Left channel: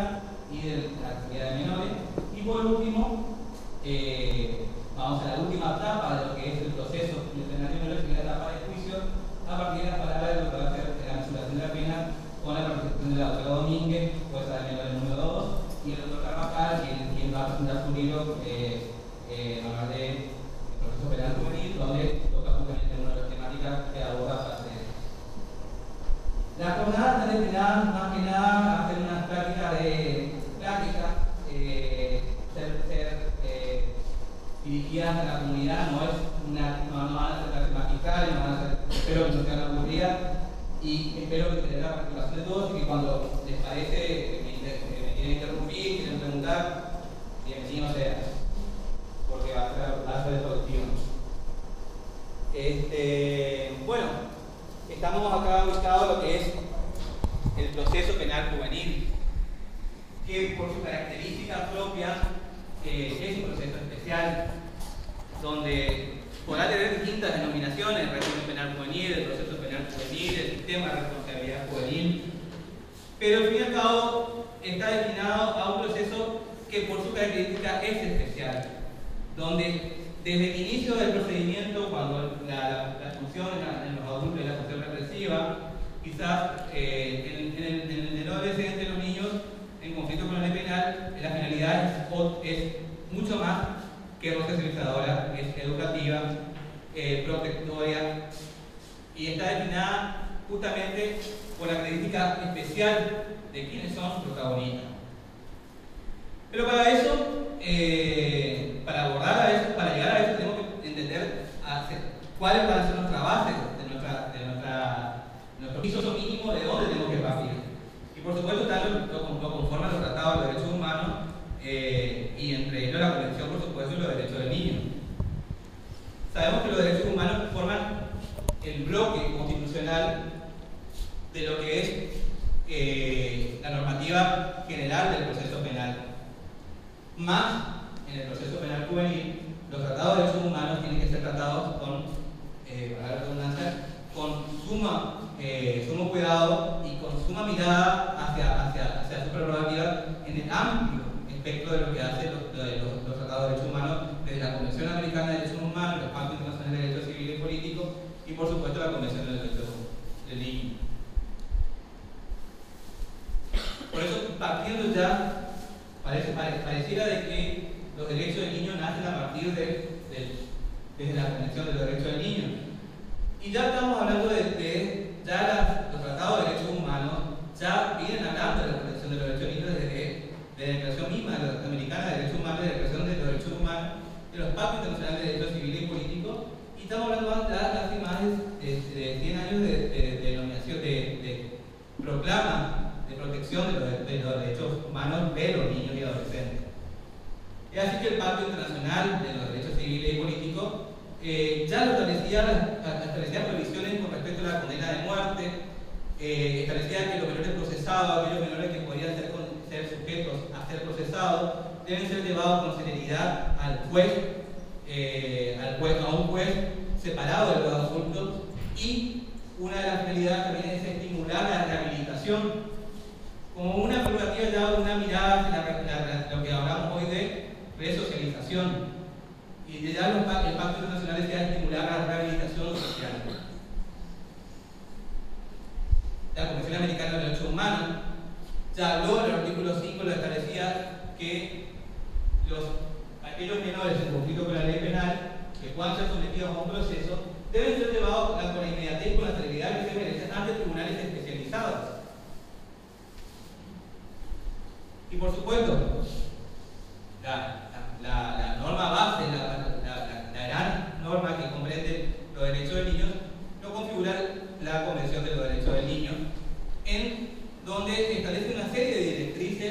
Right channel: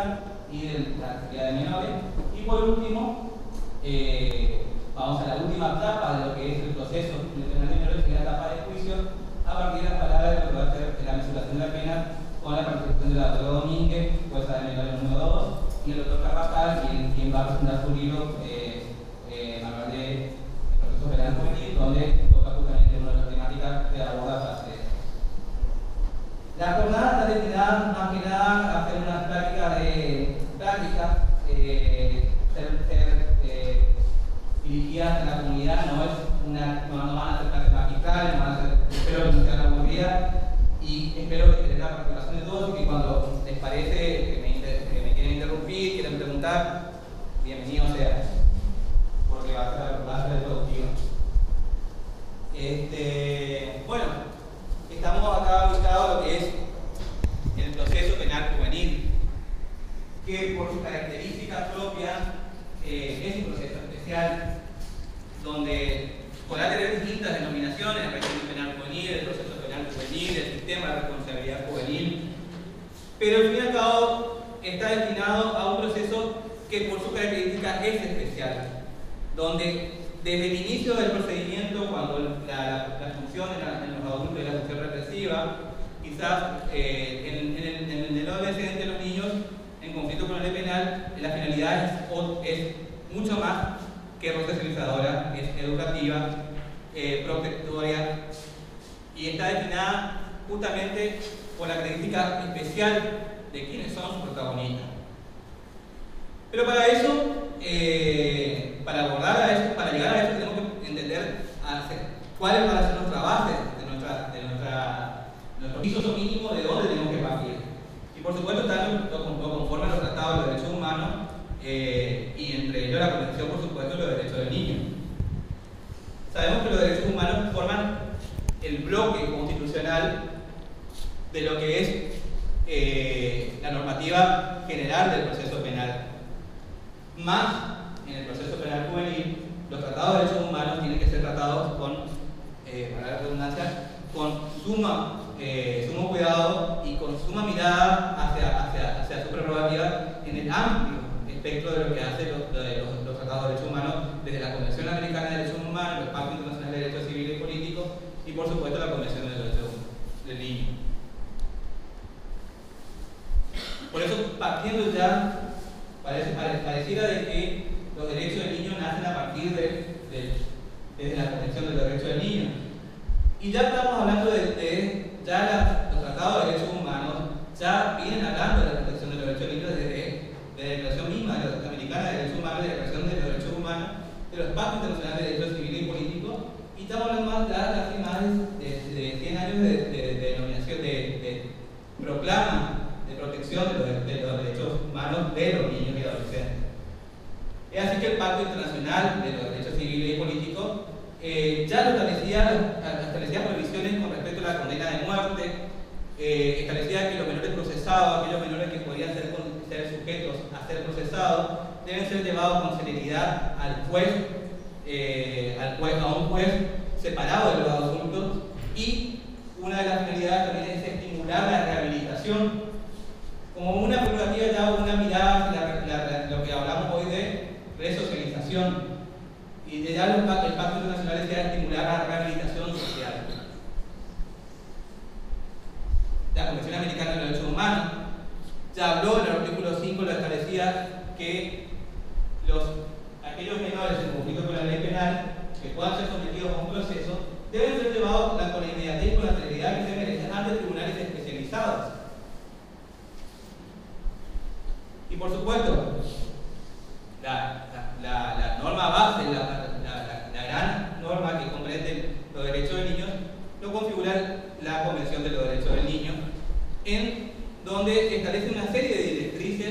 pública y de la seguridad de menores. Y por último, vamos a la última etapa de lo que es el proceso penal de menores, que es la etapa de juicio, a partir de las palabras de lo que va a ser la mesuración de la pena con la participación del doctor Domínguez, jueza de menores número 2, y el doctor Carvajal, quien va a presentar su libro hablar de proceso penal juvenil, donde toca justamente una de las temáticas que aborda parte de esto. La jornada está destinada más que nada a hacer unas prácticas dirigidas a la comunidad, no van a ser clases magistrales, no van a ser, espero que no sean aburridas y espero que tengan la participación de todos y que cuando les parece me quieren interrumpir, quieren preguntar, bienvenidos sean, porque va a ser productivo. Bueno, estamos acá ubicados lo que es el proceso penal juvenil, que por sus características propias es un proceso especial, donde podrá tener distintas denominaciones: el régimen penal juvenil, el proceso penal juvenil, el sistema de responsabilidad juvenil, pero al fin y al cabo está destinado a un proceso que por sus características es especial, donde desde el inicio del procedimiento, cuando la función en los adultos es la función represiva, quizás en el adolescente, los niños en conflicto con la ley penal, la finalidad es mucho más que resocializadora, es educativa, protectoria, y está destinada justamente por la característica especial de quienes son sus protagonistas. Pero para eso, para abordar a eso, para llegar a eso, tenemos que entender cuáles van a ser nuestras bases de nuestro piso mínimo de dónde tenemos que partir. Y por supuesto lo conforman los tratados de derechos humanos y entre ellos la Convención, por supuesto, de los derechos del niño. Sabemos que los derechos humanos forman el bloque constitucional de lo que es la normativa general del proceso penal. Más, en el proceso penal juvenil, los tratados de derechos humanos tienen que ser tratados con, para la redundancia, con sumo cuidado y con suma mirada hacia su prerrogativa en el amplio espectro de lo que hace los tratados de derechos humanos, desde la Convención Americana de Derechos Humanos, los Pactos Internacionales de Derechos Civiles y Políticos y por supuesto la Convención de Derechos del Niño. Por eso, partiendo ya, pareciera de que los derechos del niño nacen a partir desde la Convención de los Derechos del Niño. Y ya estamos hablando los tratados de derechos humanos ya vienen hablando de la protección de los derechos del niño desde la Declaración misma de la Americana de Derechos Humanos, de la Declaración de los Derechos Humanos, de los Pactos Internacionales de Derechos Civiles y Políticos, y estamos hablando casi más de 100 años de denominación, de proclama de protección de los derechos humanos de los niños y adolescentes. Es así que el Pacto Internacional de los Derechos Civiles y Políticos ya establecía prohibiciones con respecto a la condena de muerte, establecía que los menores procesados, aquellos menores que podían ser sujetos a ser procesados, deben ser llevados con celeridad al juez, a un juez separado de los adultos, y una de las finalidades también es estimular la rehabilitación como una prerrogativa, ya una mirada hacia lo que hablamos hoy de resocialización, y ya el Pacto Internacional desea estimular la rehabilitación social. La Convención Americana de los Derechos Humanos ya habló en el artículo 5, lo establecía que aquellos menores en conflicto con la ley penal que puedan ser sometidos a un proceso deben ser llevados con la inmediatez y con la celeridad que se merecen ante tribunales especializados. Y por supuesto, la norma base, la gran norma que comprende los derechos del niño, lo configura la Convención de los Derechos del Niño, en donde establece una serie de directrices,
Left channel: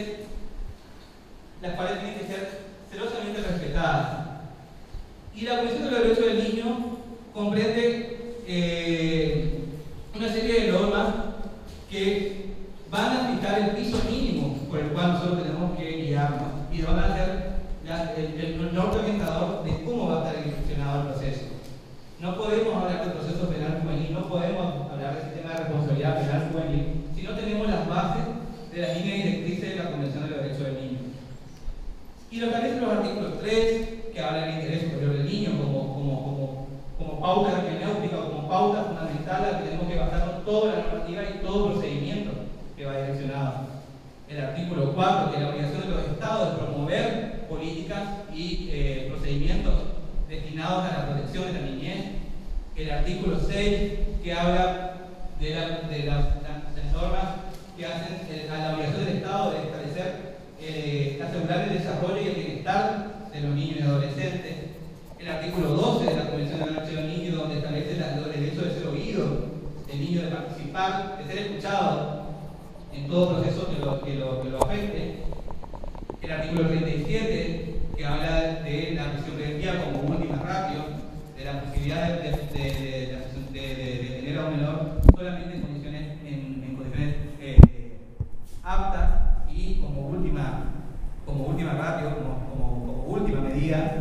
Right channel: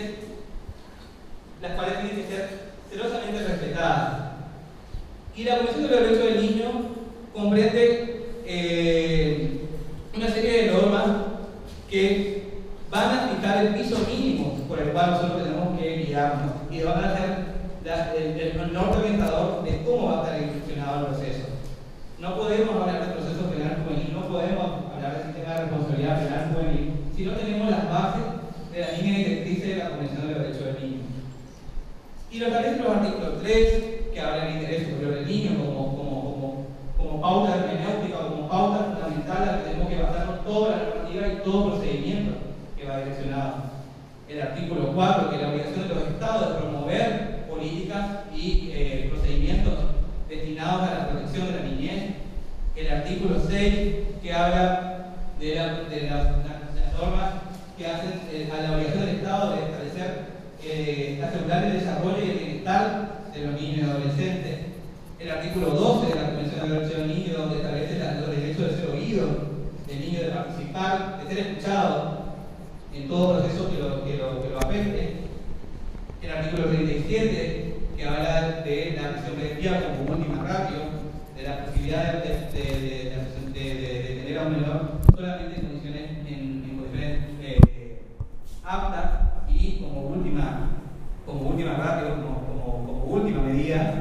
las cuales tienen que ser celosamente respetadas. Y la Convención de los Derechos del Niño comprende una serie de normas que van a fijar el piso mínimo por el cual nosotros tenemos que guiarnos y van a ser el norte orientador de cómo va a estar institucionado el proceso. No podemos hablar de proceso penal juvenil, no podemos hablar del sistema de responsabilidad penal juvenil si no tenemos las bases de las líneas directrices de la Convención de los Derechos del Niño. Y lo establece los artículos 3, que habla del interés superior del niño como pauta hermenéutica, como pauta fundamental a la que tenemos que basarnos toda la normativa y todo procedimiento que va direccionado. El artículo 4, que es la obligación de los estados de promover políticas y procedimientos destinados a la protección de la niñez. El artículo 6, que habla de las normas que hacen a la obligación del Estado de establecer, asegurar el desarrollo y el bienestar de los niños y adolescentes. El artículo 12 de la Convención de los Derechos del Niño, donde establece los derechos de ser oído, del niño de participar, de ser escuchado en todo proceso que lo afecte. El artículo 37, que habla de la prisión preventiva como última ratio, de la posibilidad de tener a un menor solamente en condiciones aptas y como última ratio, como última medida.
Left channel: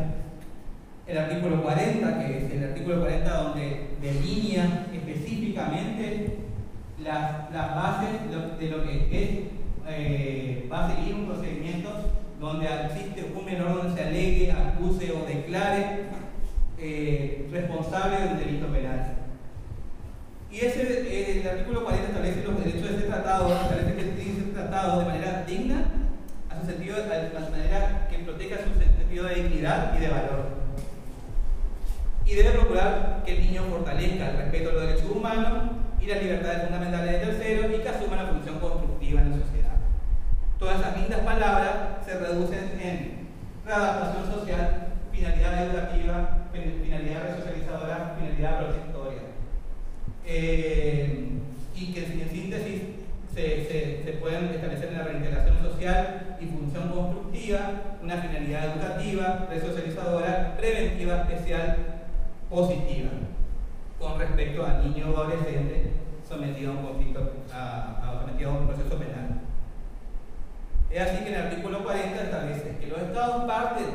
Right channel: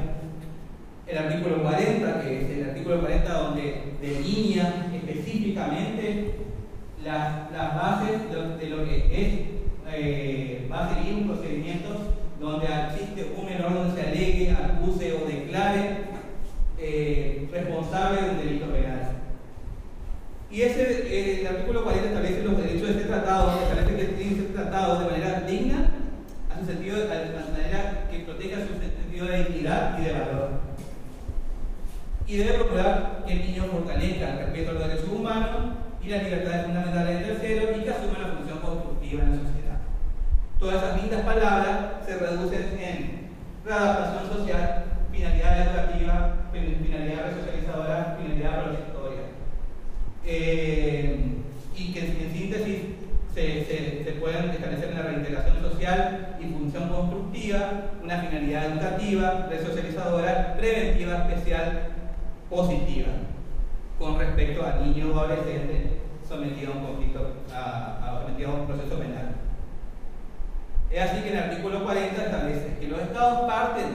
El artículo 40, que es el artículo 40 donde delinea específicamente las bases de lo que va a seguir un procedimiento donde existe un menor donde se alegue, acuse o declare responsable de un delito penal. Y el artículo 40 establece los derechos de ser tratado, establece que tienen que ser tratados de manera digna, a su sentido, de manera que proteja su sentido de dignidad y de valor. Y debe procurar que el niño fortalezca el respeto a los derechos humanos y las libertades fundamentales de terceros y que asuma la función constructiva en la sociedad. Todas esas lindas palabras se reducen en readaptación social, finalidad educativa, finalidad resocializadora, finalidad protectoria. Y que en síntesis se pueden establecer una reintegración social y función constructiva, una finalidad educativa, resocializadora, preventiva, especial, positiva, con respecto al niño o adolescente sometido a un conflicto, sometido a un proceso penal. Es así que en el artículo 40 establece que los Estados partes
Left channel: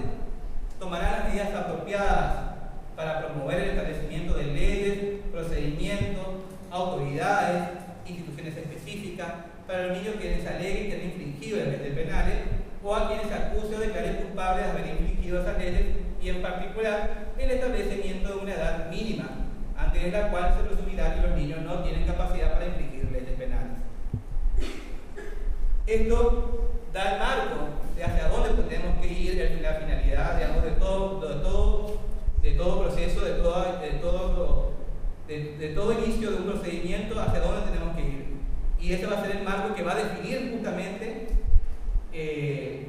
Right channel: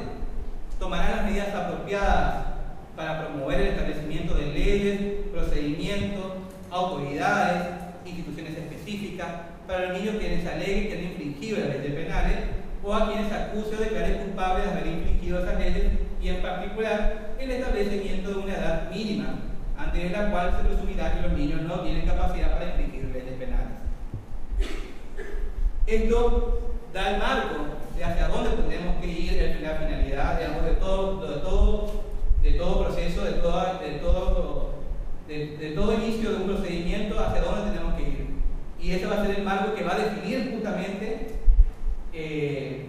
tomarán las medidas apropiadas para promover el establecimiento de leyes, procedimientos, autoridades, instituciones específicas para los niños quienes aleguen que han infringido las leyes penales o a quienes se acuse o declare culpables de haber infringido esas leyes, y en particular el establecimiento de una edad mínima antes de la cual se presumirá que los niños no tienen capacidad para infringir leyes penales. Esto da el marco de hacia dónde tenemos que ir, la finalidad, digamos, de todo proceso, de todo inicio de un procedimiento, hacia dónde tenemos que ir. Y ese va a ser el marco que va a definir justamente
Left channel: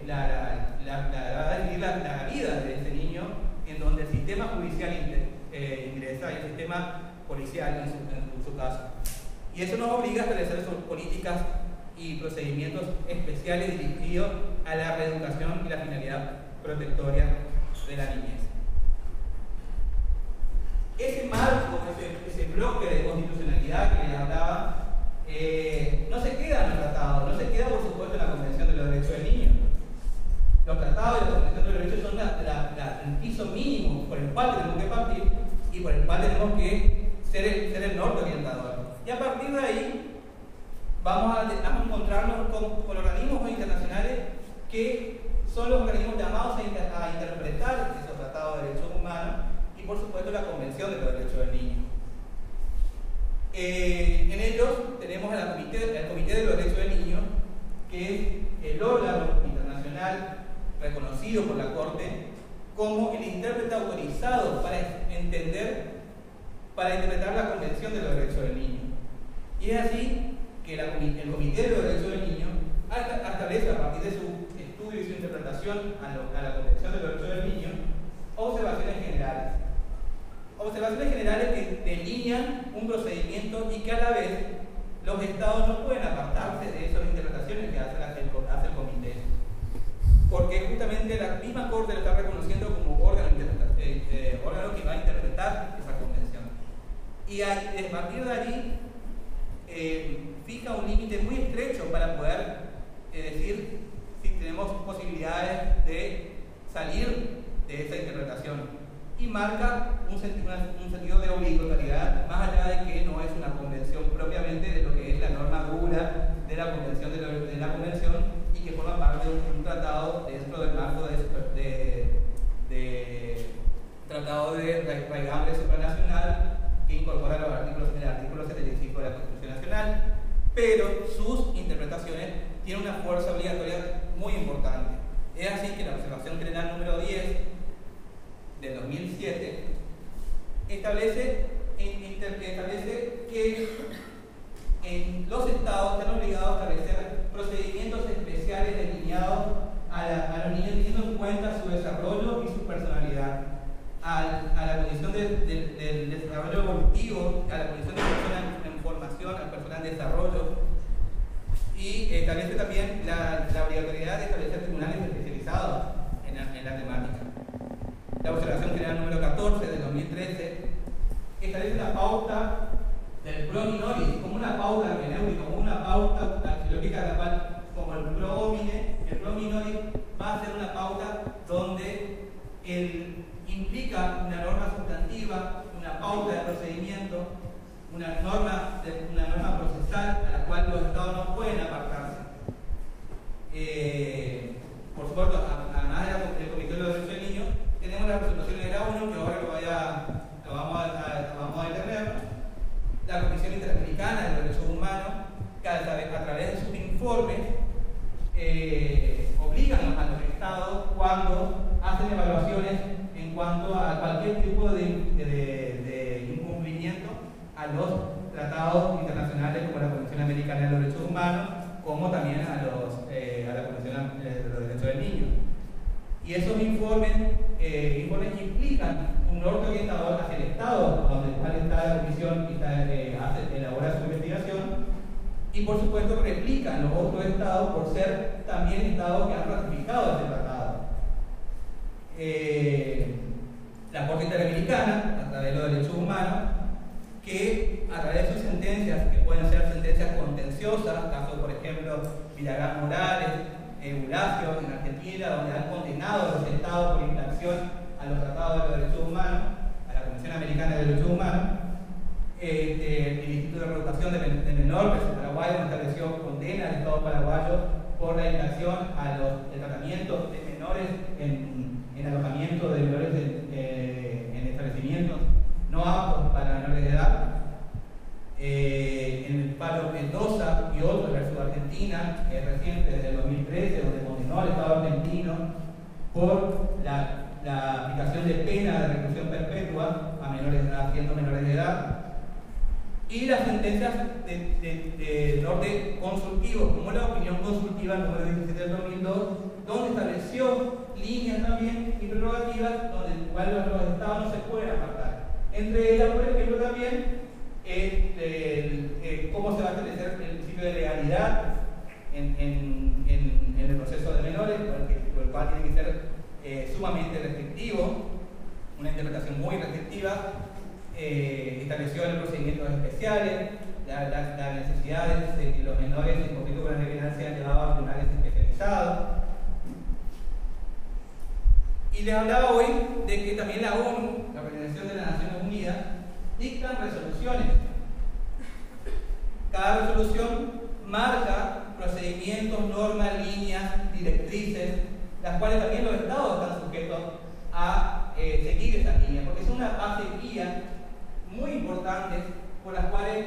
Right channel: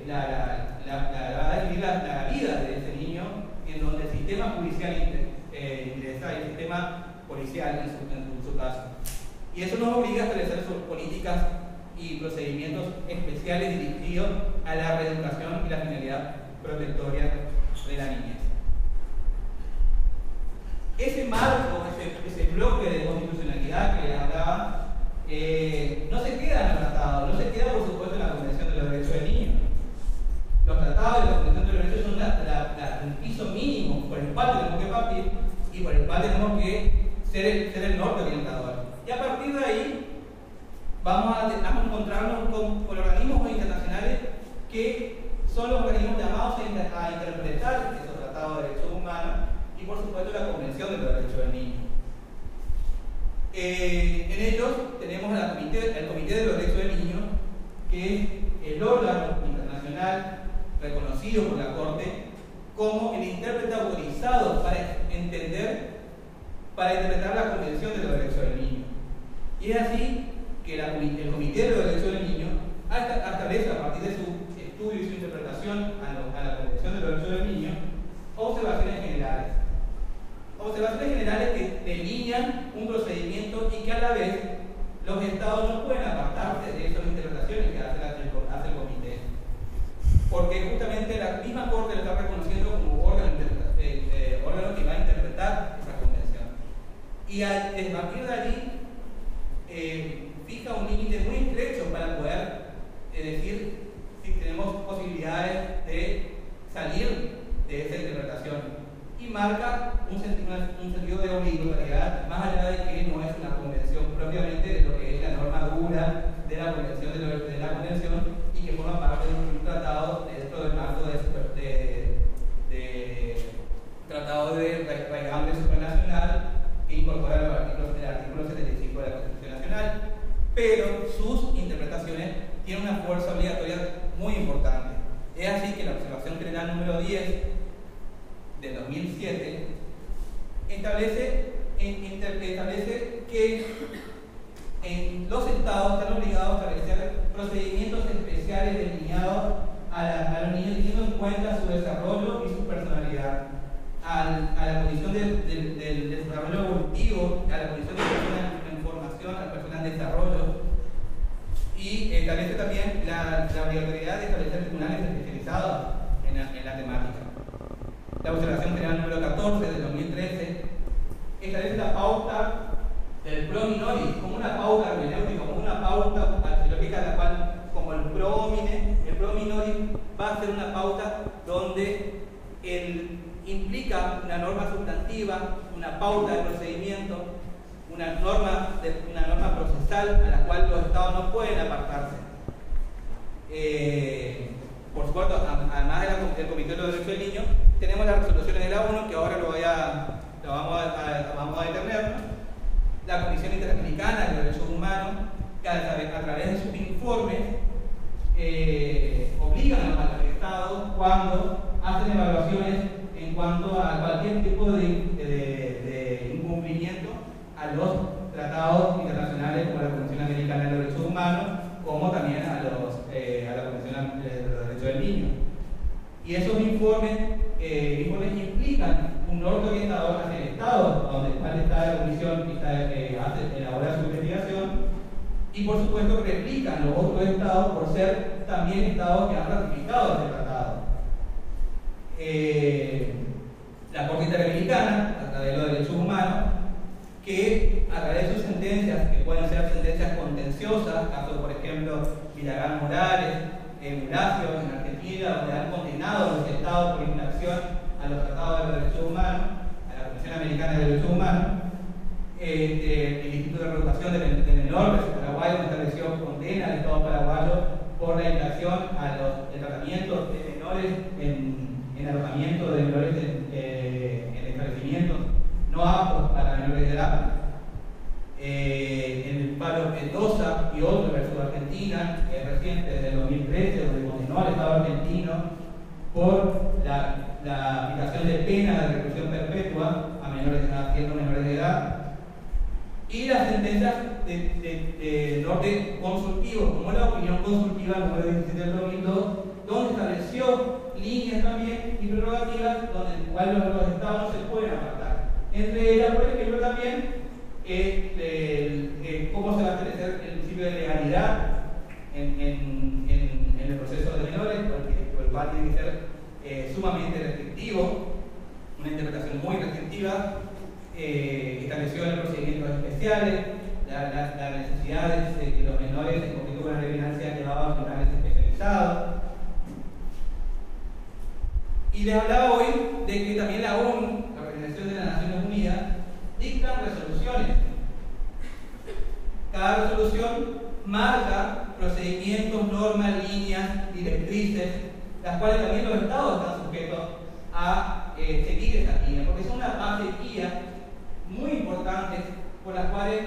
la vida de ese niño, en donde el sistema judicial ingresa y el sistema policial en su caso. Y eso nos obliga a establecer sus políticas y procedimientos especiales dirigidos a la reeducación y la finalidad protectoria de la niñez. Ese marco, ese bloque de constitucionalidad que les hablaba, no se queda en el tratado, no se queda por supuesto en la Convención de los Derechos del Niño. Los tratados de la Convención de los Derechos son el piso mínimo por el cual tenemos que partir y por el cual tenemos que ser el norte orientador. Y a partir de ahí vamos a encontrarnos con organismos internacionales que son los organismos llamados a interpretar esos tratados de derechos humanos y por supuesto la Convención de los Derechos del Niño. En ellos tenemos el Comité de los Derechos del Niño, que es el órgano internacional reconocido por la Corte como el intérprete autorizado para interpretar la Convención de los Derechos del Niño. Y es así que el Comité de los Derechos del Niño establece, a partir de su estudio y su interpretación a la Convención de los Derechos del Niño, observaciones generales. Observaciones generales que delinean un procedimiento y que a la vez los Estados no pueden apartarse de esas interpretaciones que hace el Comité. Porque justamente la misma Corte lo está reconociendo como órgano que va a interpretar esa convención. Y a partir de allí fija un límite muy estrecho para poder decir si tenemos posibilidades de salir de esa interpretación. Y marca un sentido de obligatoriedad, más allá de que no es una convención propiamente de lo que es la norma dura de la convención y que forma forma parte de un tratado dentro del marco de tratado de raigambre supranacional que incorpora el artículo 75 de la Constitución Nacional, pero sus interpretaciones tienen una fuerza obligatoria muy importante. Es así que la Observación General número 10 del 2007 establece que los estados están obligados a establecer procedimientos especiales delineados a los niños teniendo en cuenta su desarrollo y su personalidad, a la condición del desarrollo evolutivo, a la condición de personas en formación, a personas en desarrollo, y establece también la obligatoriedad de establecer tribunales especializados en la temática. La Observación General número 14 del 2013 establece la pauta del pro minoris como una pauta hermenéutica, como una pauta axiológica, la cual, como el pro minoris va a ser una pauta donde implica una norma sustantiva, una pauta de procedimiento, una norma procesal a la cual los estados no pueden apartarse. Por supuesto, además del Comité de los Derechos del Niño, tenemos las resoluciones de la ONU, que ahora lo vamos a detener, ¿no? La Comisión Interamericana de los Derechos Humanos, que a través de sus informes obligan a los estados cuando hacen evaluaciones en cuanto a cualquier tipo de incumplimiento a los tratados internacionales como la Convención Americana de los Derechos Humanos, como también a la Convención de los Derechos del Niño. Y esos informes implican un norte orientador hacia el Estado, donde está la Comisión y elabora su investigación, y por supuesto replican los otros estados por ser también estados que han ratificado este tratado. La Corte Interamericana, a través de los derechos humanos, que a través de sus sentencias, que pueden ser sentencias contenciosas, caso por ejemplo Villagrán Morales, Bulacio en Argentina, donde han condenado a los estados por infracción a los tratados de los derechos humanos, a la Convención Americana de Derechos Humanos. El Instituto de Reeducación de Menores de Paraguay estableció condena al Estado paraguayo por la infracción al tratamiento de menores en alojamiento de menores en establecimientos no aptos para menores de edad. En el paro Mendoza y otro versus Argentina, reciente desde el 2013, donde condenó al Estado argentino por la aplicación de pena de reclusión perpetua a menores de edad. Y las sentencias de norte consultivo, como la opinión consultiva número 17 del 2002, donde estableció líneas también y prerrogativas donde el cual los estados no se pueden apartar. Entre ellas, por ejemplo, también cómo se va a establecer el principio de legalidad en el proceso de menores, por el cual tiene que ser sumamente restrictivo, una interpretación muy restrictiva. Estableció en los procedimientos especiales la necesidad de que los menores en conflicto con la legalidad sean llevados a tribunales especializados. Y les hablaba hoy de que también la ONU, la Organización de las Naciones Unidas, dictan resoluciones. Cada resolución marca procedimientos, normas, líneas, directrices, las cuales también los estados están sujetos a seguir esas líneas, porque son una base guía muy importantes por las cuales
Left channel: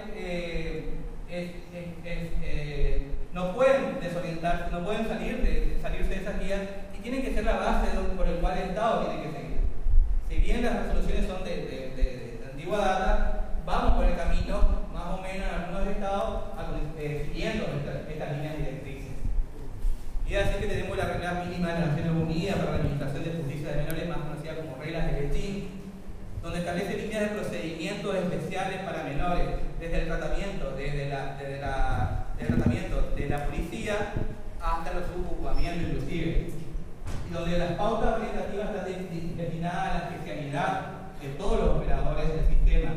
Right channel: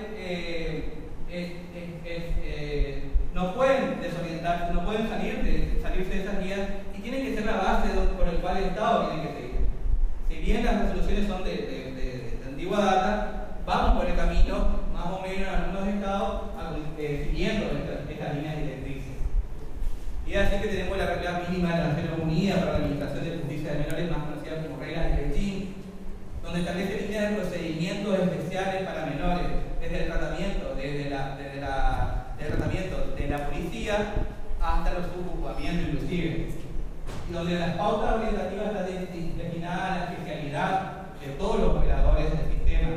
no pueden desorientarse, no pueden salirse de esas guías y tienen que ser la base por el cual el Estado tiene que seguir. Si bien las resoluciones son de antigua data, vamos por el camino, más o menos en algunos estados, siguiendo estas líneas directrices. Y así que tenemos la regla mínima de las Naciones Unidas para la Administración de Justicia de Menores, más conocida como reglas de Lechín, donde establece líneas de procedimientos especiales para menores, desde el tratamiento, desde el tratamiento de la policía hasta los subocupamientos inclusive, y donde las pautas orientativas están destinadas a la especialidad de todos los operadores del sistema,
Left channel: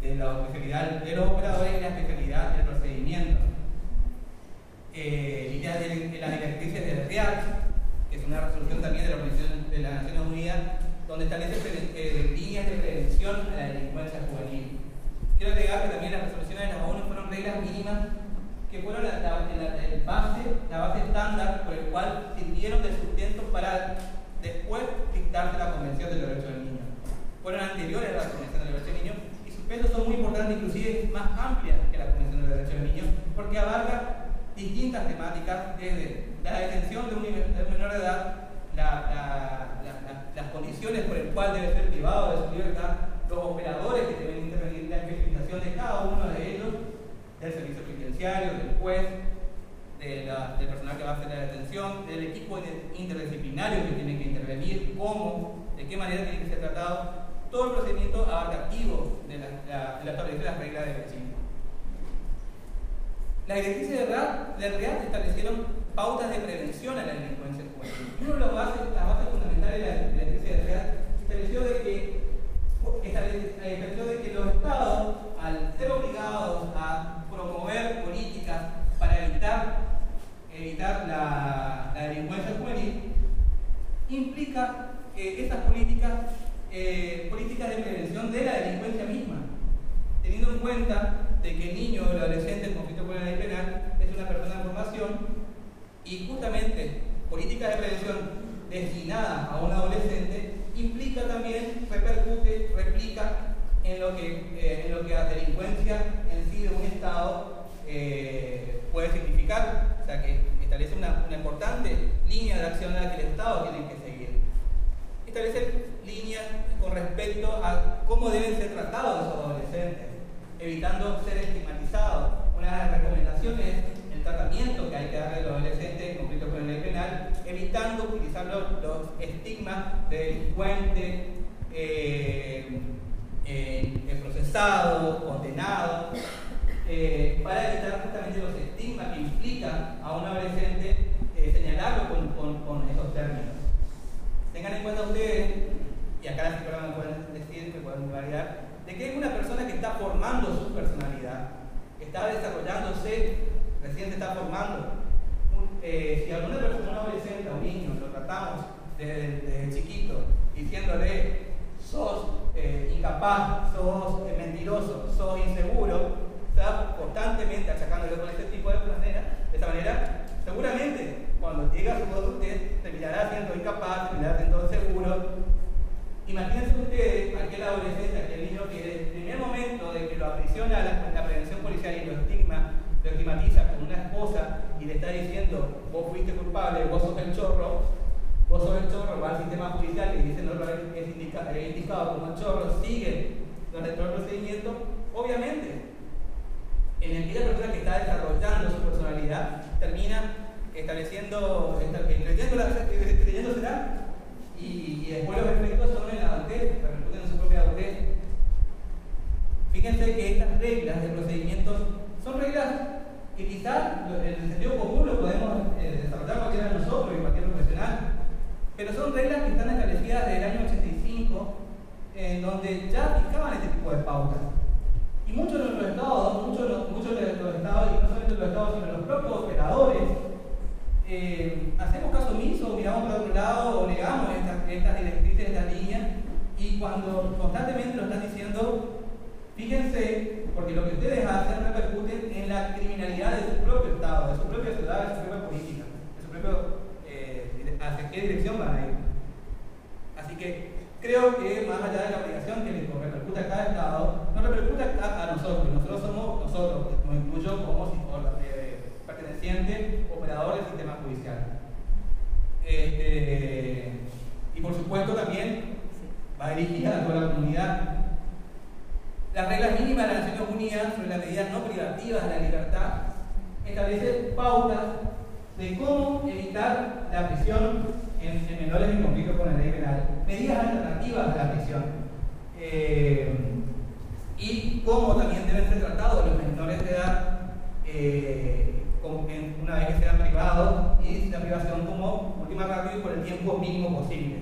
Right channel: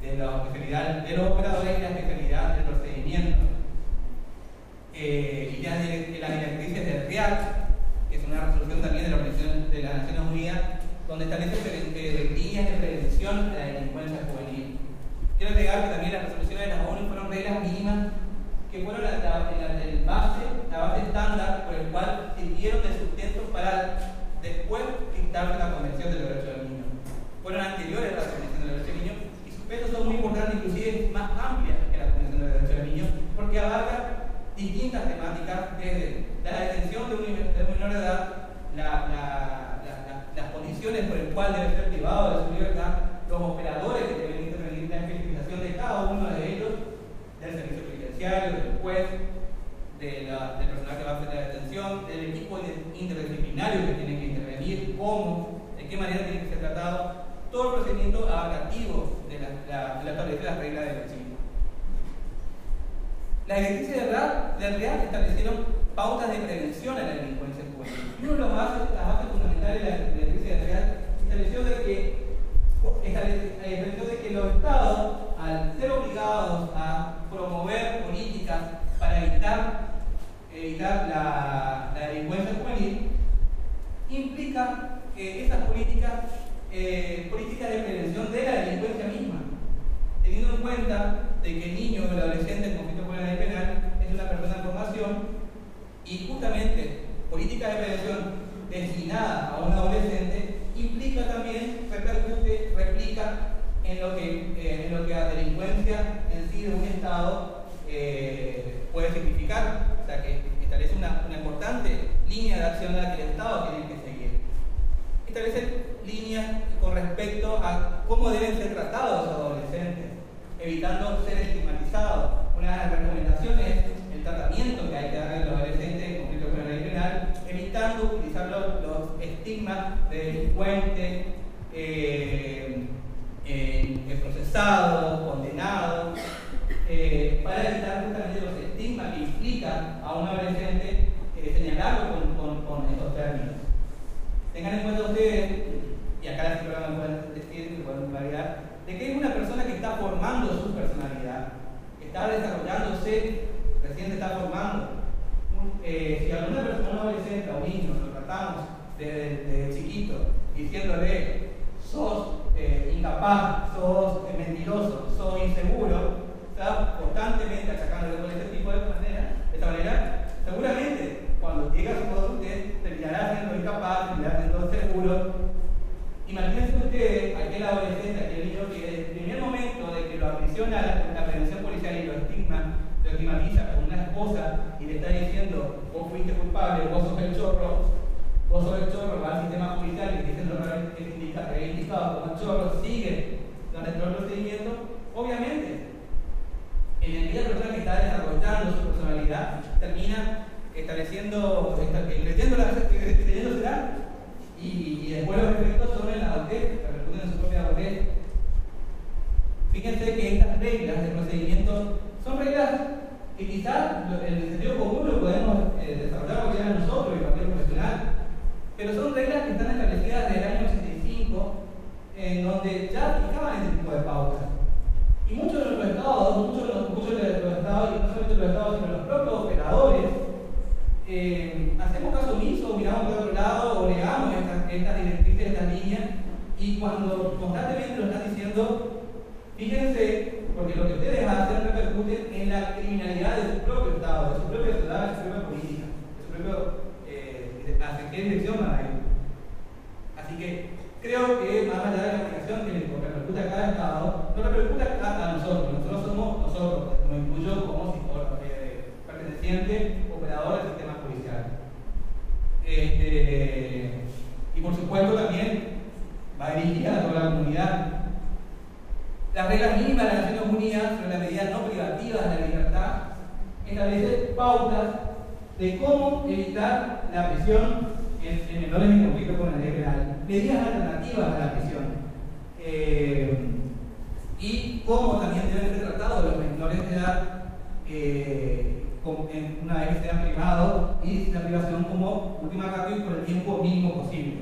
de la especialidad de los operadores y la especialidad del procedimiento. Líneas de las directrices del RIAC, que es una resolución también de la Organización de las Naciones Unidas, donde establece líneas de prevención a la delincuencia juvenil. Quiero agregar que también las resoluciones de la ONU fueron reglas mínimas que fueron la base estándar por el cual sirvieron de sustento para después dictarse la Convención de los Derechos del Niño. Fueron anteriores a la Convención de los Derechos del Niño y sus pesos son muy importantes, inclusive más amplias que la Convención de los Derechos del Niño, porque abarca distintas temáticas, desde la detención de un menor de edad, las condiciones por el cual debe ser privado de su libertad, los operadores que deben intervenir, la especificación de cada uno de ellos, del servicio penitenciario, del juez, del personal que va a hacer la detención, del equipo interdisciplinario que tiene que intervenir, cómo, de qué manera tiene que ser tratado, todo el procedimiento abarcativo de la establecer las reglas del vecino. Las directrices del REAC establecieron pautas de prevención a la delincuencia juvenil. Y una de las bases fundamentales de la directriz del REAC estableció de que los Estados, al ser obligados a promover políticas para evitar la delincuencia juvenil, implica que esas políticas de prevención de la delincuencia misma, teniendo en cuenta de que el niño o el adolescente en conflicto con la ley penal es una persona en formación y justamente políticas de prevención destinadas a un adolescente implica también, replica en lo que la delincuencia en sí de un Estado puede significar. O sea que establece una importante línea de acción a la que el Estado tiene que seguir. Establece líneas con respecto a cómo deben ser tratados los adolescentes, evitando ser estigmatizados. Una de las recomendaciones es el tratamiento que hay que darle a los adolescentes en conflicto con la ley penal, evitando utilizar los estigmas de delincuente, procesado, condenado, para evitar justamente los estigmas que implica a un adolescente señalarlo con esos términos. Tengan en cuenta ustedes, y acá la psicóloga me pueden decir, me pueden validar, de que es una persona que está formando su personalidad, que está desarrollándose, recién se está formando. Si alguna persona, un adolescente o un niño, lo tratamos desde chiquito, diciéndole, sos incapaz, sos mentiroso, sos inseguro, está constantemente achacándole con ese tipo de esa manera, seguramente cuando llega a su adultez terminará siendo incapaz, terminará siendo inseguro. Imagínense ustedes aquel adolescente, aquel niño que desde el primer momento de que lo aprisiona la prevención policial y lo estigmatiza con una esposa y le está diciendo, vos fuiste culpable, vos sos el chorro, va al sistema judicial y dice, no, es indicado como el chorro, sigue durante todo el procedimiento. Obviamente, en aquella persona que está desarrollando su personalidad, termina creyéndosela y después los efectos son en la adultez, repercuten en su propia adultez. Fíjense que estas reglas de procedimiento son reglas que quizás en el sentido común lo podemos desarrollar cualquiera de nosotros y cualquier profesional, pero son reglas que están establecidas desde el año 85, en donde ya aplicaban este tipo de pautas. Y muchos de los estados, y no solamente los estados, sino los propios operadores, hacemos caso omiso, miramos por otro lado o negamos estas directrices, estas líneas, y cuando constantemente lo están diciendo, fíjense, porque lo que ustedes hacen repercute en la criminalidad de su propio Estado, de su propia ciudad, de su propia política, de su propio hacia qué dirección van a ir. Así que creo que más allá de la aplicación que le repercute a cada Estado, no repercute a nosotros. Nosotros somos nosotros, nos incluyo como perteneciente, operador del sistema judicial. Y por supuesto también va dirigida a toda la comunidad. Las reglas mínimas de las Naciones Unidas sobre las medidas no privativas de la libertad establecen pautas de cómo evitar la prisión en menores en conflicto con la ley penal, medidas alternativas a la prisión, y cómo también deben ser tratados los menores de edad una vez que sean privados, y la privación como última ratio y por el tiempo mínimo posible.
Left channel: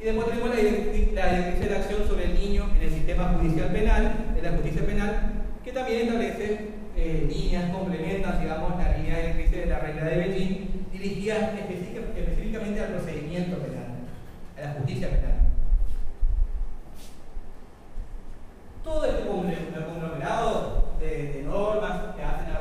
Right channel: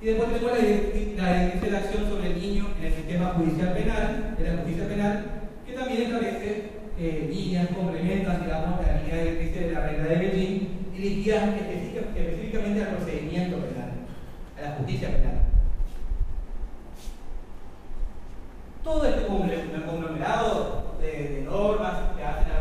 Y después tenemos la directriz de acción sobre el niño en el sistema judicial penal, de la justicia penal, que también establece líneas, complementan, digamos, la línea directriz de la regla de Beijing, dirigidas específicamente al procedimiento penal, a la justicia penal. Todo este conglomerado de normas que hacen a la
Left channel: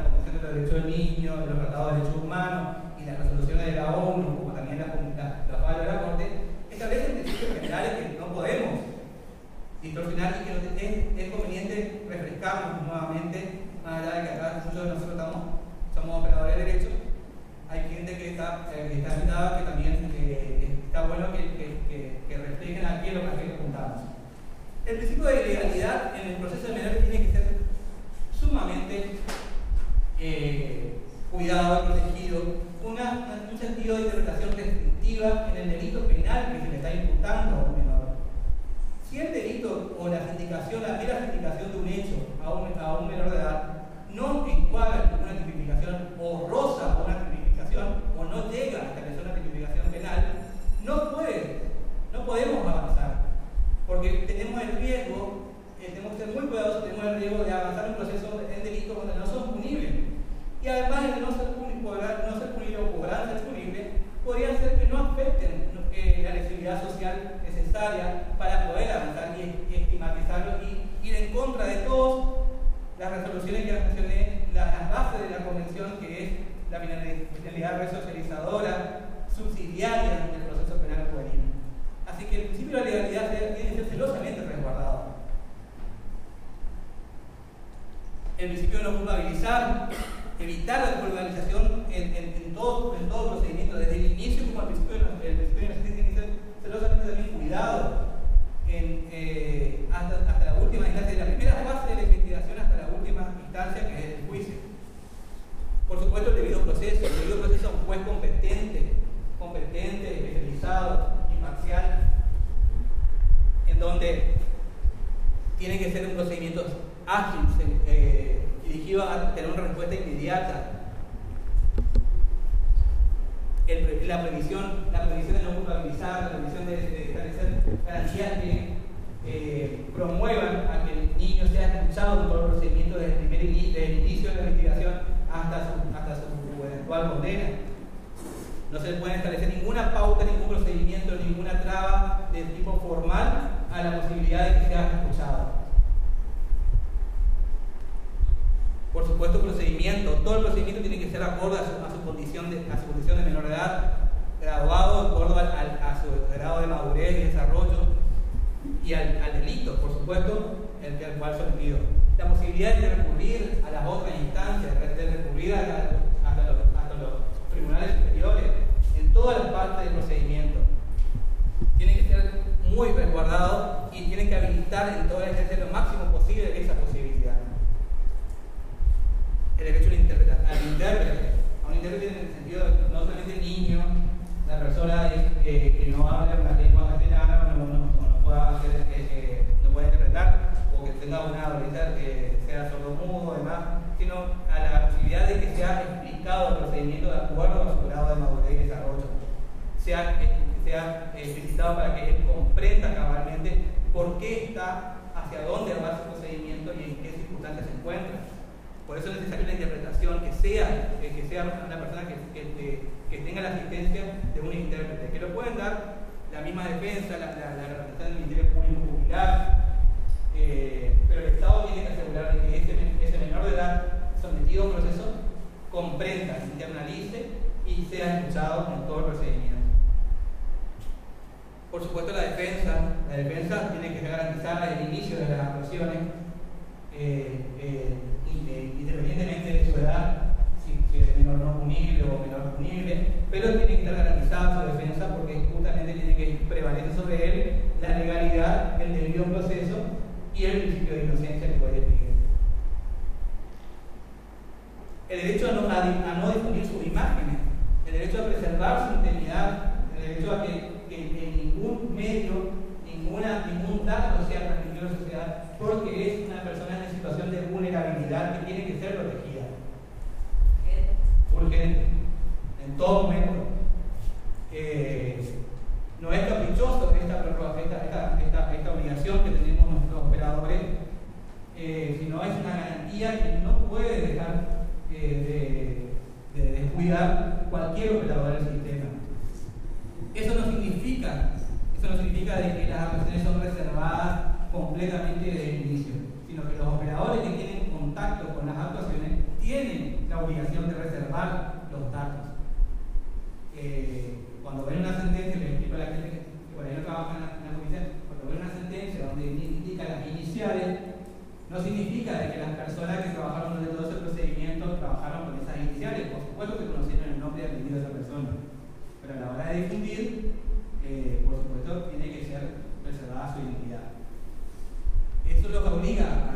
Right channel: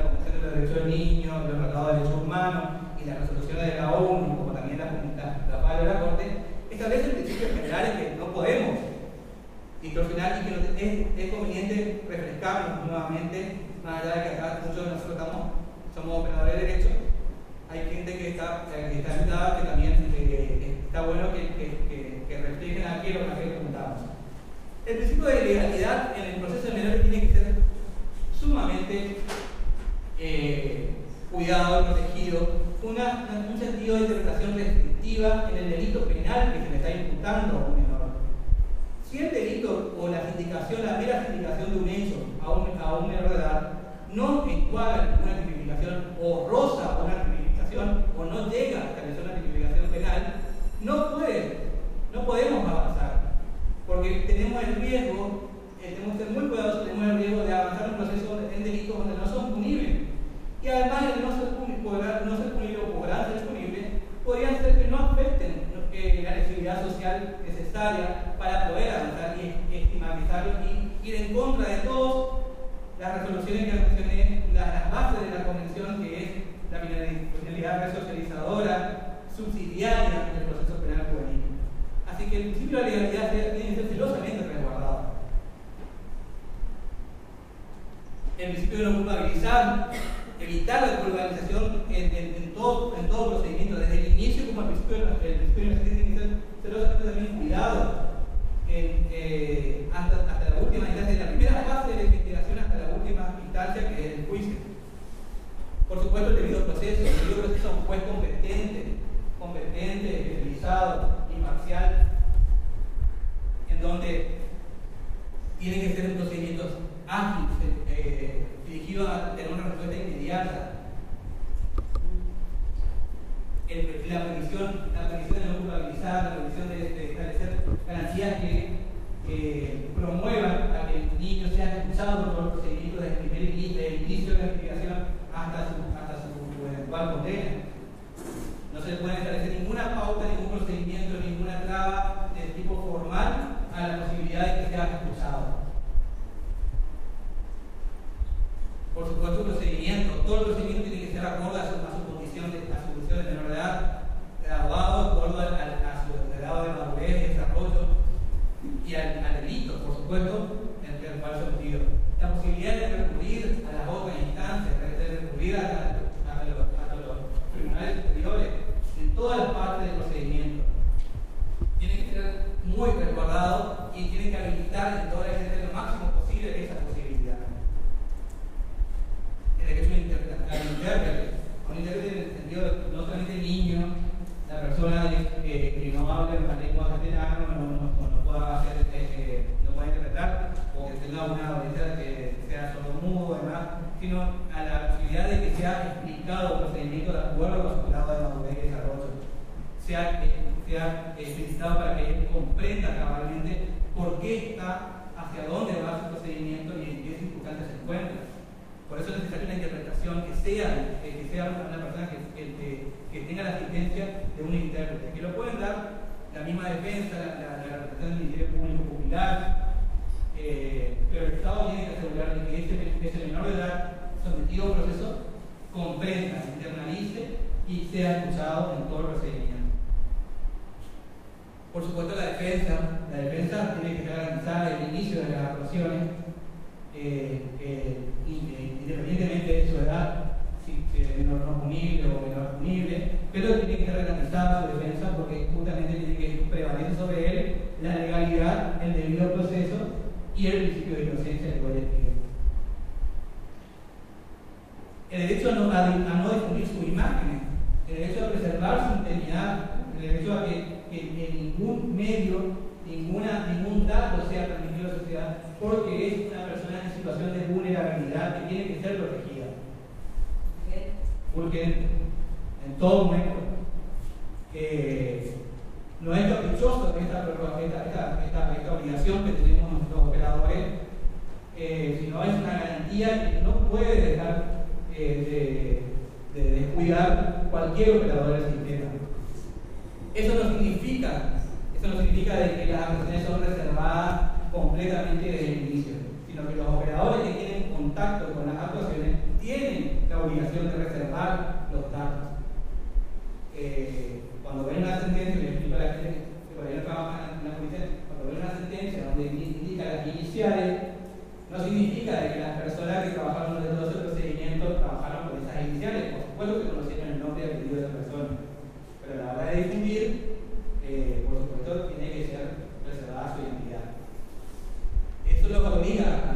refrescarnos nuevamente, más allá de que acá muchos de nosotros somos operadores de derecho, hay gente que está invitada que también está bueno que reflejen aquí lo que preguntamos. El principio de legalidad en el proceso de menores tiene que ser sumamente cuidado y protegido, un sentido de interpretación restrictiva en el delito penal que se le está imputando a un menor. Si el delito o la mera sindicación de un hecho a un menor de edad no encuadra ninguna tipificación o roza una tipificación o no llega a establecer una tipificación penal, no podemos avanzar, porque tenemos el riesgo, tenemos que ser muy cuidadosos, tenemos el riesgo de avanzar un proceso en delitos donde no son punibles. Y además de no ser punible o podrán ser punibles, podrían ser que no afecten la legibilidad social necesaria para poder avanzar y estigmatizarlo y ir en contra de todas las resoluciones que mencioné, las bases de la convención, que es la finalidad resocializadora, subsidiaria del proceso penal juvenil. Así que el principio de la legalidad tiene que ser celosamente resguardado. El principio de no culpabilizar, evitar la culpabilización en todo procedimiento, desde el inicio como el principio de inocencia tiene que ser celosamente también cuidado hasta la última instancia, de la primera fase de la investigación hasta la última instancia, que es el juicio. Por supuesto, el debido proceso a un juez competente, especializado, imparcial, en donde tiene que ser un procedimiento ágil, dirigido a tener una respuesta inmediata. La previsión de no culpabilizar, la previsión de establecer garantías que promuevan a que el niño sea escuchado por todo el procedimiento desde el inicio de la investigación hasta su eventual condena. No se le puede establecer ninguna pauta, ningún procedimiento, ninguna traba de tipo formal a la posibilidad de que sea escuchado. Por supuesto, todo el procedimiento tiene que ser acorde a su condición de menor de edad, graduado de acuerdo a su grado de madurez y desarrollo y al delito, por supuesto, el cual se ocurrió. La posibilidad de recurrir a las otras instancias, de recurrir a los tribunales superiores, en todas las partes del procedimiento. Tiene que ser muy resguardado y tiene que habilitar en todas las veces lo máximo posible esa posibilidad. El derecho al intérprete, a un intérprete en el sentido de no solamente el niño, la persona que no habla en la lengua castellana, no puede interpretar, o que tenga una adolescencia que sea sordomudo o demás, sino a la posibilidad de que sea explicado el procedimiento de acuerdo a su grado de madurez y desarrollo, sea explicitado para que él comprenda cabalmente por qué está, hacia dónde va ese procedimiento y en qué circunstancias se encuentra. Por eso es necesaria una interpretación que sea una persona que tenga la asistencia de un intérprete, que lo pueden dar la misma defensa, la representación del Ministerio Público Popular, pero el Estado tiene que asegurar que ese menor de edad sometido a un proceso comprenda, se internalice y sea escuchado en todo el procedimiento. Por supuesto, la defensa tiene que garantizar el inicio de las actuaciones, independientemente de su edad, si es menor no punible o menor punible, pero tiene que estar garantizada su defensa porque justamente tiene que prevalecer sobre él la legalidad, el debido proceso y el principio de inocencia que voy a decir. El derecho a no difundir sus imágenes, el derecho a preservar su integridad, el derecho a que ningún medio, ningún dato sea transmitido a la sociedad, porque es una persona en situación de vulnerabilidad que tiene que ser protegida. Urgente, en todo momento. No es caprichoso esta obligación que tenemos nuestros operadores, sino es una garantía que no puede dejar de descuidar cualquier operador del sistema. Eso no significa de que las actuaciones son reservadas completamente desde el inicio, sino que los operadores que tienen contacto con las actuaciones tienen la obligación de reservar los datos. Cuando ven una sentencia, le explico a la gente que por ahí no trabaja en la policía, cuando ven una sentencia donde indica las iniciales, no significa de que personas que trabajaron durante todo ese procedimiento trabajaron con esas iniciales. Por supuesto que conocieron el nombre y apellido de esa persona, pero a la hora de difundir, por supuesto, tiene que ser preservada su identidad. Eso los obliga a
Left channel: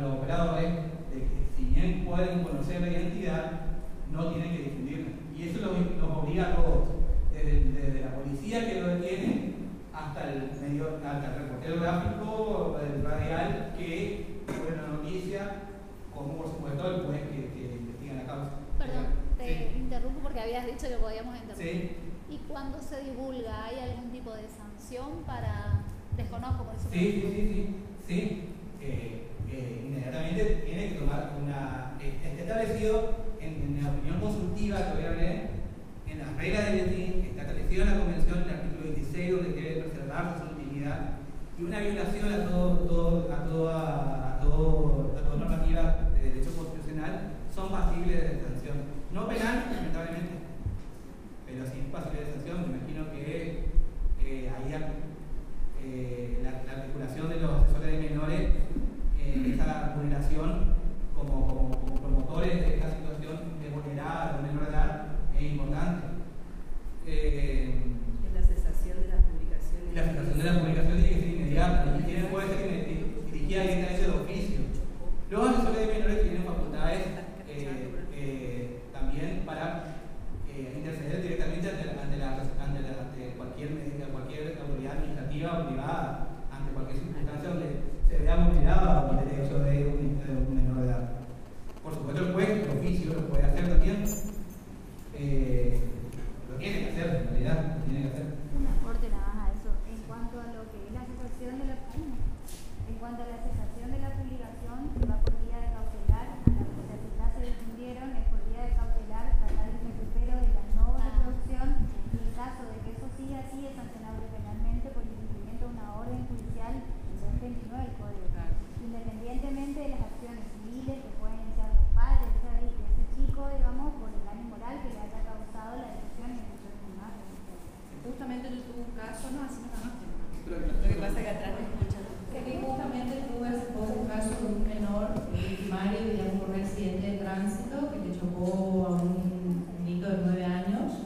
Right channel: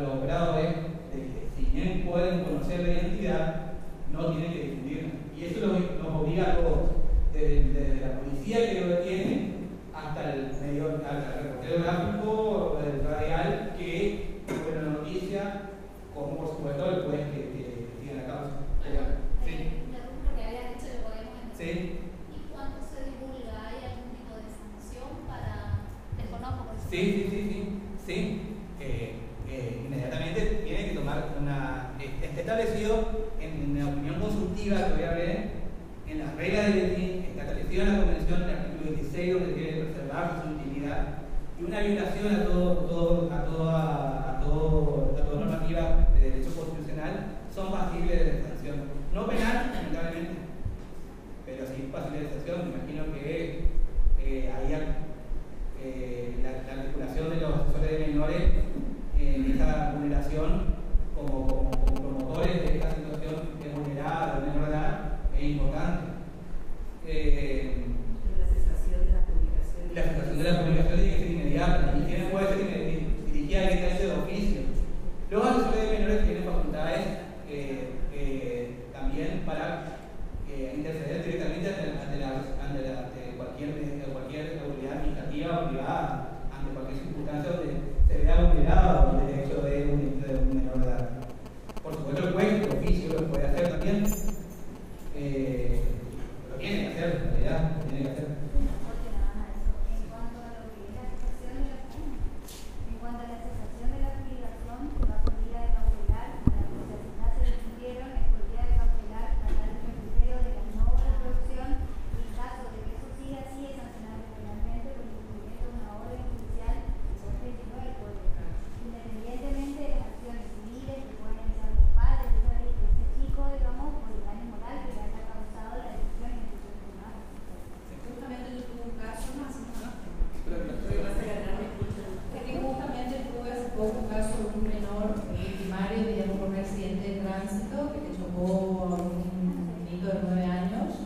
los operadores de que, si bien pueden conocer la identidad, no tienen que difundirla. Y eso los obliga a todos, desde la policía que lo detiene hasta el reportero gráfico, el radial que cubre la noticia, como por supuesto el juez que investiga la causa. Te interrumpo porque habías dicho que podíamos entender. Sí. ¿Y cuando se divulga, hay algún tipo de sanción para...? Desconozco, por eso. Sí. Inmediatamente tiene que tomar una... Está establecido en la opinión consultiva que voy a ver, en las reglas del ETI, está establecido en la Convención, en el artículo 26, donde debe preservarse su intimidad, y una violación a toda normativa de derecho constitucional son pasibles de sanción. No penal, lamentablemente, pero sí pasibles de sanción. Me imagino que la articulación de los asesores de menores en esa vulneración como promotores de esta situación de vulnerada de menor edad es importante. La cesación de la publicación. La cesación de la publicación tiene que ser inmediata, y tiene puede ser dirigida directamente de oficio. Los asesores de menores tienen facultades también para interceder directamente ante cualquier autoridad administrativa o privada, ante cualquier circunstancia donde se vea vulnerado el derecho de un menor de edad. Por supuesto, el juez, el oficio, lo puede hacer también. Lo tiene que hacer, en realidad, lo tiene que hacer. Un aporte nada más a eso. En cuanto a lo que es la cesación de la publicación, se va por vía de cautelar. A la que ya se difundieron es por vía de cautelar, tratar el recupero de la no reproducción, y en caso de que eso siga así, es sancionable penalmente por incumplimiento de una orden judicial en 229 del Código. Independientemente de las acciones civiles que pueden iniciar los padres de ese chico, digamos, por el daño moral que le haya causado la decisión y ejecución de una Justamente yo tuve un caso, no, así no. Lo que pasa es que atrás me escuchan. Que justamente tuve hace poco un caso de un menor victimario, digamos, por un accidente de tránsito que le chocó a un niño de 9 años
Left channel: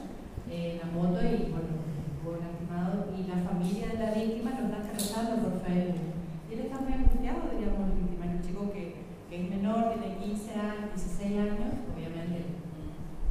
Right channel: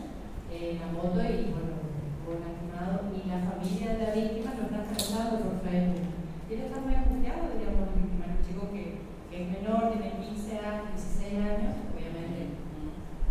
en la moto y, bueno, estuvo lastimado. Y la familia de la víctima lo está tratando por Facebook. Y él está muy angustiado, diríamos, el victimario, un chico que es menor, tiene 15 años, 16 años, obviamente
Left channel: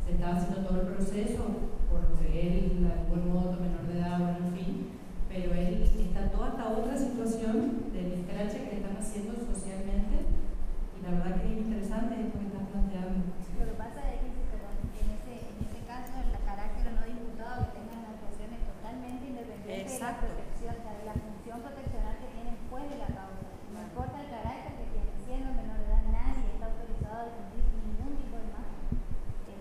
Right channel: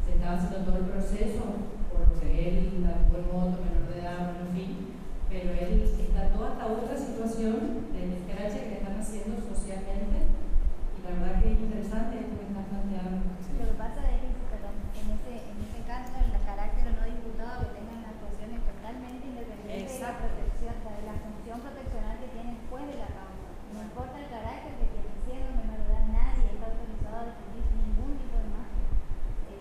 se estaba haciendo todo el proceso, por lo que él la tuvo en moto, menor de edad, bueno, en fin, pero él está toda esta otra situación del escrache que le están haciendo socialmente, y la verdad que es interesante esto que estás planteando. Lo que pasa es que, perdón, en ese caso, el carácter no diputado que tengan actuaciones totalmente independientes de la protección, de la función proteccional que tienen después de la causa. No importa el carácter que tiene, siendo menor de edad, nadie está autorizado a defender ningún tipo de imagen,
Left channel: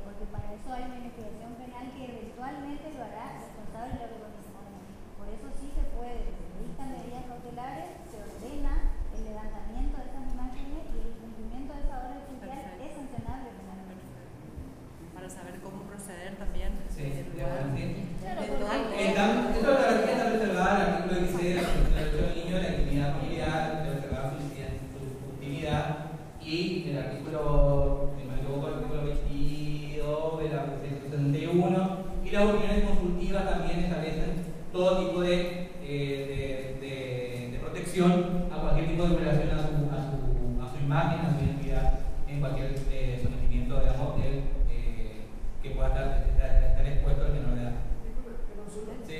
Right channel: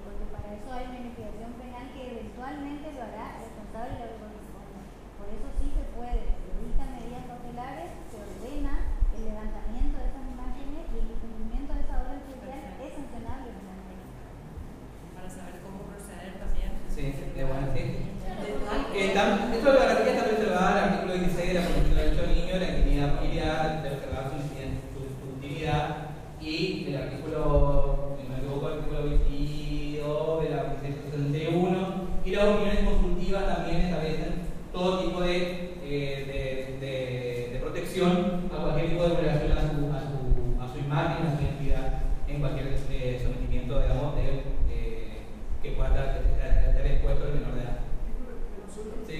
porque para eso hay una investigación penal que eventualmente lo hará responsable de lo que corresponde. Por eso sí se puede, se dictan medidas cautelares, se ordena el levantamiento de esas imágenes y el incumplimiento de esa orden judicial es sancionable penalmente. Para saber cómo proceder también. Sí, bueno, sí. Claro, Esto de la garantía está reservada al artículo 16 de la Convención de Derechos del Niño, la intimidad familiar, de observar su intimidad, y el artículo, si no me equivoco, el artículo 22 de la 61, y las opiniones consultivas también establecen todo tipo de protección a cualquier tipo de violación a su imagen, a su identidad, en cualquier sometimiento, digamos, que pueda estar expuesto al menor de edad. Sí.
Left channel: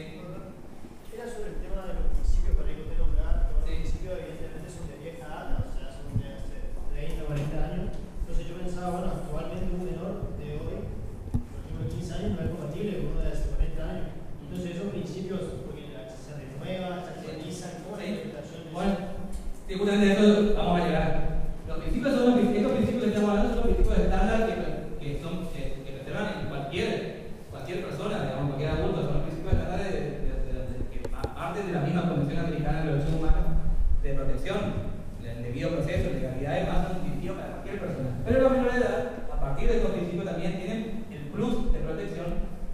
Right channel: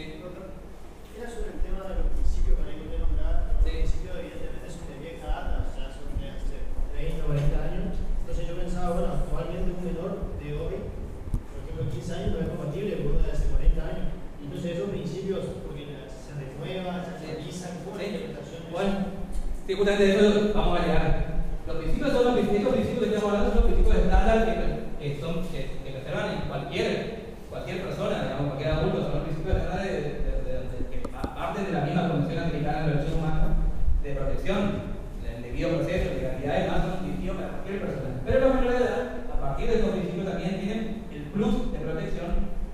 Era sobre el tema de los principios para que usted nombrara. Los principios, evidentemente, son de vieja data, o sea, son de hace 30 o 40 años. Entonces, yo pensaba, bueno, actualmente un menor de hoy, por ejemplo, 15 años, no es compatible con uno de hace 40 años. Entonces, esos principios, porque se renuevan, se actualizan, ¿cómo la interpretación de eso? Bueno, sí, justamente de eso vamos a llegar. Los principios son los principios que estamos hablando, son los principios estándar que reservan en cualquier persona, digamos, cualquier adulto, son los principios estándar que parten de la misma Convención Americana de los Derechos Humanos de protección, el debido proceso, legalidad, además son distintivos para cualquier persona. Pero los menores de edad, a partir de estos principios, también tienen el plus de protección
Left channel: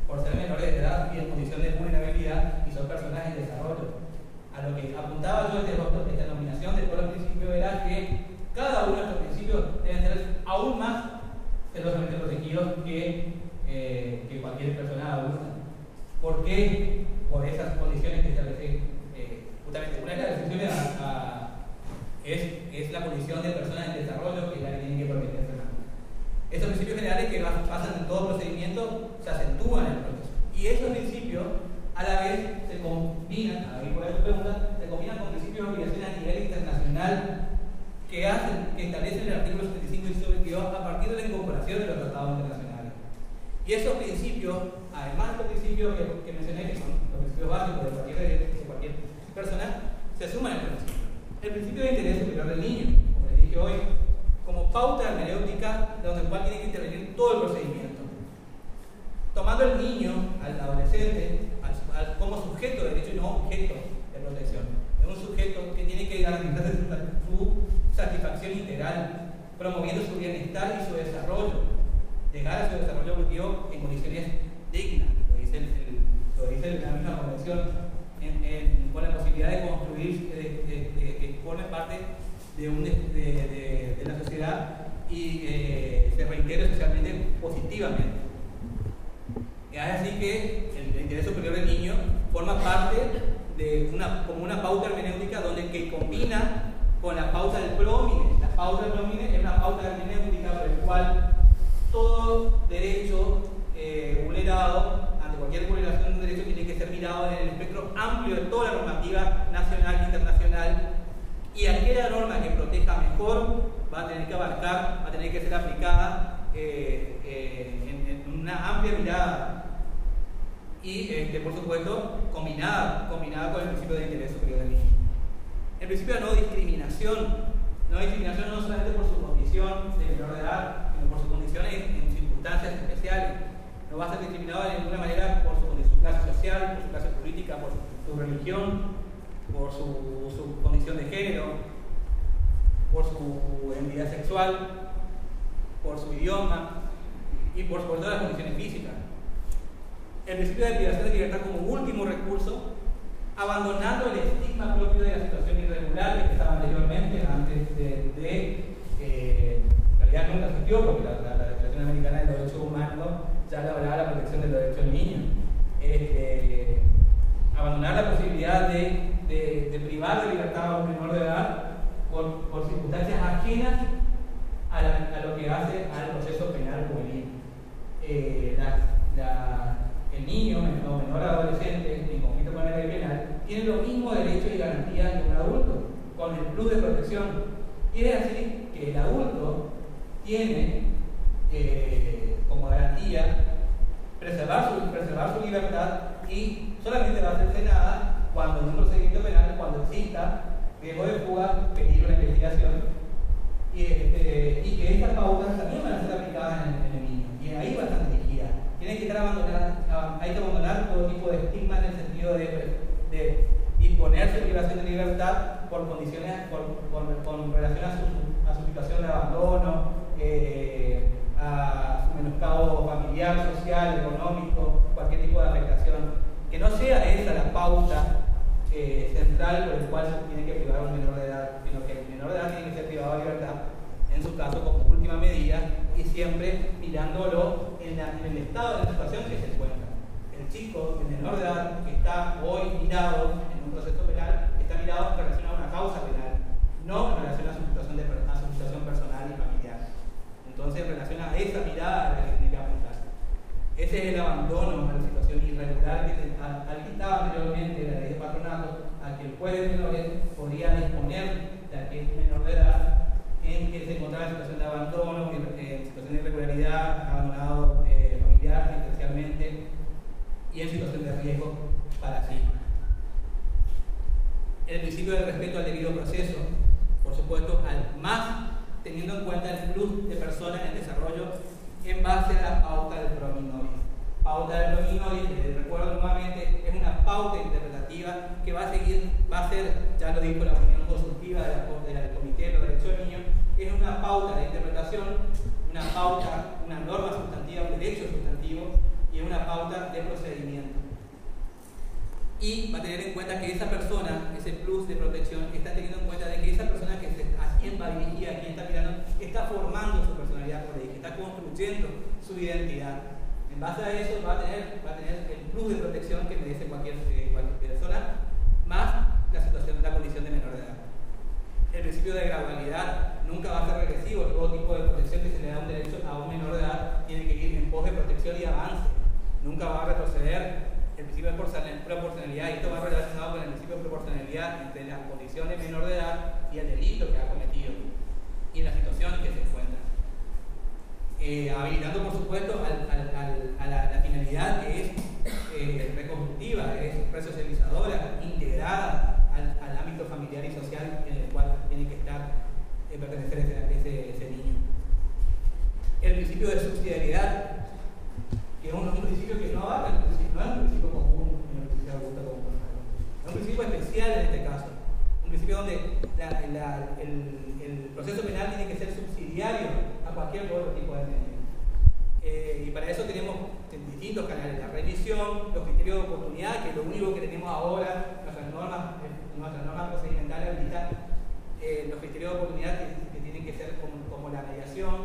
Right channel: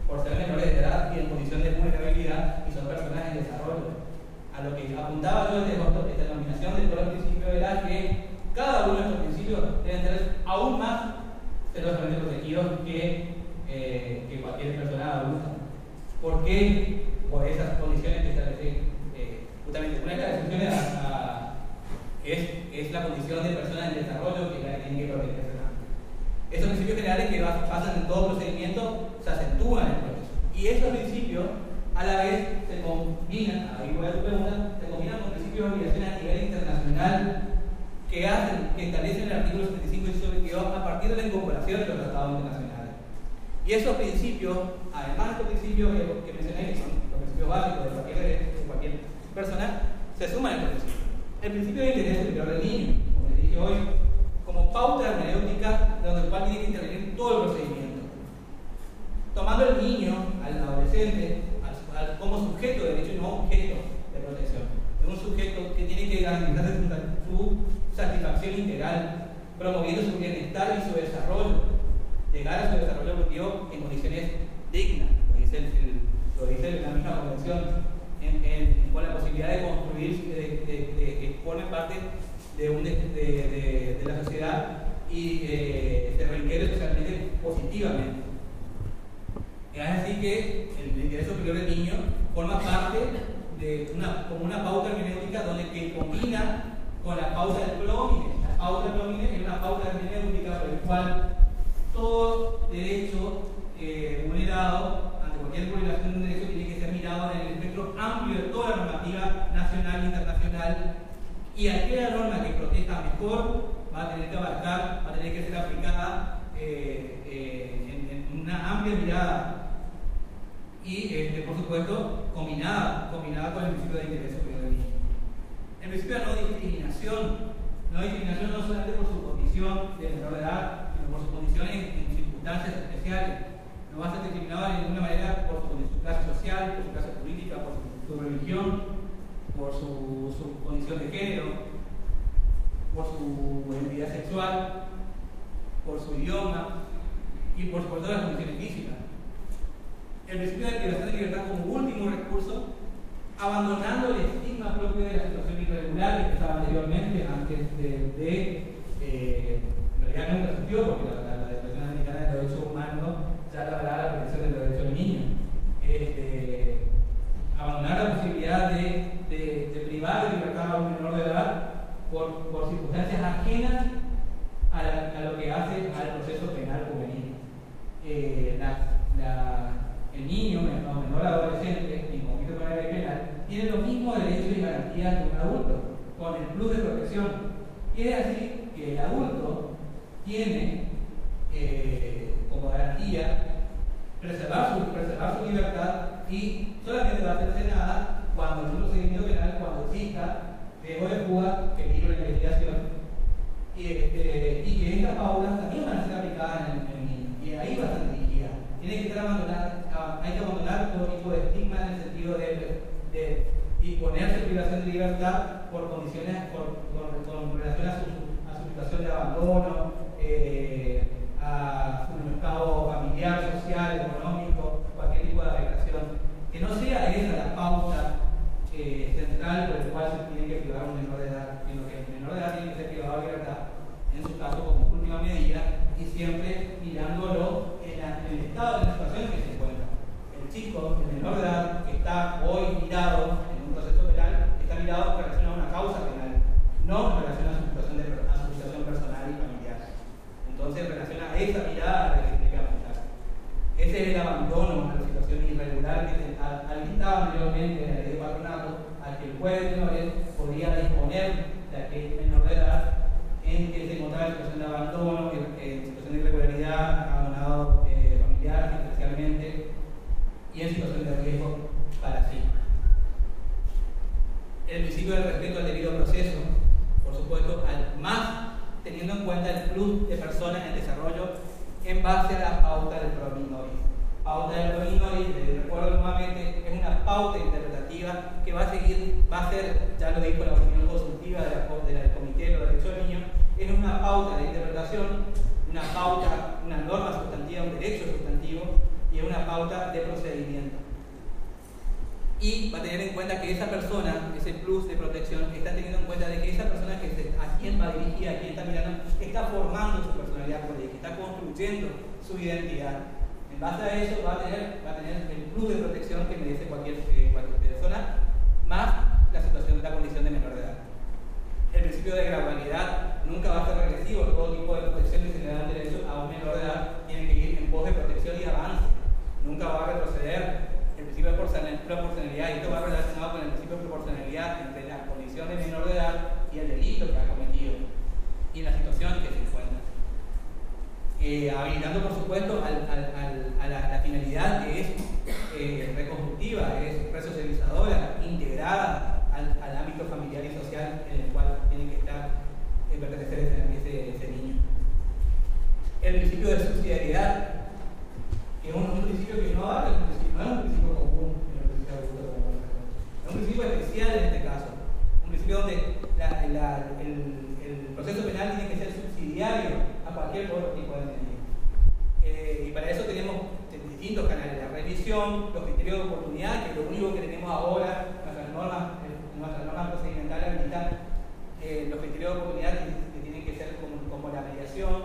por ser menores de edad y en condición de vulnerabilidad, y son personas en desarrollo. A lo que apuntaba yo desde esta nominación de todos los principios era que cada que cualquier persona adulta. ¿Por qué? Por esas condiciones que establecen justamente. Una de las excepciones es la condición de personas en desarrollo, que es la que tiene que protegerse también. Esos principios generales que pasan en todo procedimiento se acentúan en el proceso. Y esos principios a la vez se combinan, ahí voy a tu pregunta, se combinan con principios de obligación a nivel internacional que establecen el artículo 75 y 22 a partir de la incorporación de los tratados internacionales. Y esos principios, además de estos principios que mencioné, que son los principios básicos de cualquier persona, se suman al proceso. El principio de interés superior del niño, como les dije hoy, como pauta hermenéutica donde el cual tiene que intervenir todo el procedimiento. Tomando al niño, al adolescente, como sujeto de derecho y no objeto de protección. Es un sujeto que tiene que garantizarse su satisfacción integral, promoviendo su bienestar y su desarrollo, llegar a su desarrollo objetivo en condiciones dignas, lo dice la misma convención, con la posibilidad de construir, que forme parte de la sociedad y se reintegre socialmente positivamente. Es así que el interés superior del niño forma parte de como una pauta hermenéutica que combina con la pauta del promine. La pauta del promine es una pauta hermenéutica por la cual todo derecho vulnerado ante cualquier vulneración de un derecho tiene que ser mirado en el espectro amplio de toda la normativa nacional e internacional, y aquella norma que proteja mejor va a tener que abarcar, va a tener que ser aplicada en una amplia mirada y por supuesto combinada con el principio de interés superior del niño. El principio de no discriminación no solamente por su condición de menor de edad, sino por sus condiciones en circunstancias especiales. No va a ser discriminado de ninguna manera por su clase social, por su clase política, por su religión, por su condición de género, por su identidad sexual, por su idioma y por todas las condiciones físicas. El principio de privación de libertad como último recurso, abandonando el estigma propio de la situación irregular que estaba anteriormente, antes en realidad nunca existió, porque la Declaración Americana de Derechos Humanos ya hablaba de la protección de los derechos del niño. Abandonar la posibilidad de privar de libertad a un menor de edad por circunstancias ajenas a lo que hace al proceso penal juvenil. El niño o menor adolescente en conflicto con la ley penal tiene los mismos derechos y garantías que un adulto, con el plus de protección. Y es así que el adulto tiene como garantía preservar su libertad, y solamente va a hacerse nada cuando en un procedimiento penal, cuando exista riesgo de fuga, peligro de investigación, y que estas pautas también van a ser aplicadas en el niño, y ahí va a estar dirigida. Tiene que estar hay que abandonar todo tipo de estigma en el sentido de imponerse privación de libertad por condiciones, con relación a su situación de abandono, a su menoscabo familiar, social, económico, cualquier tipo de afectación. Que no sea esa la pauta central por la cual se tiene que privar a un menor de edad, sino que el menor de edad tiene que ser privado de libertad, en su caso como última medida, y siempre mirándolo en el estado de la situación que se encuentra. El chico, el menor de edad, que está hoy mirado en un proceso penal, está mirado en relación a una causa penal, no en relación a su situación personal y familiar. Entonces, en relación a esa mirada la que tiene que apuntarse. Ese es el abandono a la situación irregular al que estaba anteriormente en la ley de patronato, al que el juez de menores podía disponer de aquel menor de edad en que se encontraba en situación de abandono, en situación de irregularidad, abandonado familiar, especialmente, y en situación de riesgo para sí. El principio del respeto al debido proceso, por supuesto, más teniendo en cuenta el plus de personas en desarrollo en base a la pauta del prominoris. Pauta del prominoris, recuerdo nuevamente, es una pauta interpretativa que va a ser, ya lo dijo la opinión consultiva del Comité de los Derechos del Niño, es una pauta de interpretación, una norma sustantiva, un derecho sustantivo, y es una pauta de procedimiento. y va a tener en cuenta que esa persona, ese plus de protección, está teniendo en cuenta de que esa persona a quien va dirigida, a quien está mirando, está formando su personalidad por ahí, que está construyendo su identidad. En base a eso va a tener el plus de protección que merece cualquier persona, más la situación de la condición de menor de edad. El principio de gradualidad nunca va a ser regresivo. Todo tipo de protección que se le da un derecho a un menor de edad tiene que ir en pos de protección y avance. Nunca va a retroceder. El principio de proporcionalidad, y esto va relacionado con el principio de proporcionalidad entre la condición de menor de edad y el delito que ha cometido y la situación en que se encuentra. Habilitando, por supuesto, a la finalidad que es reconstructiva, es resocializadora, integrada al ámbito familiar y social en el cual tiene que pertenecer ese niño. El principio de subsidiariedad, que es un principio que no abarca, no es un principio común en el principio adulto como es un principio especial en este caso, un principio donde el proceso penal tiene que ser subsidiario a cualquier otro tipo de medida. Y para eso tenemos distintos canales, la revisión, los criterios de oportunidad, que es lo único que tenemos ahora, nuestras normas procedimentales habilitan los criterios de oportunidad que tienen que ser como la mediación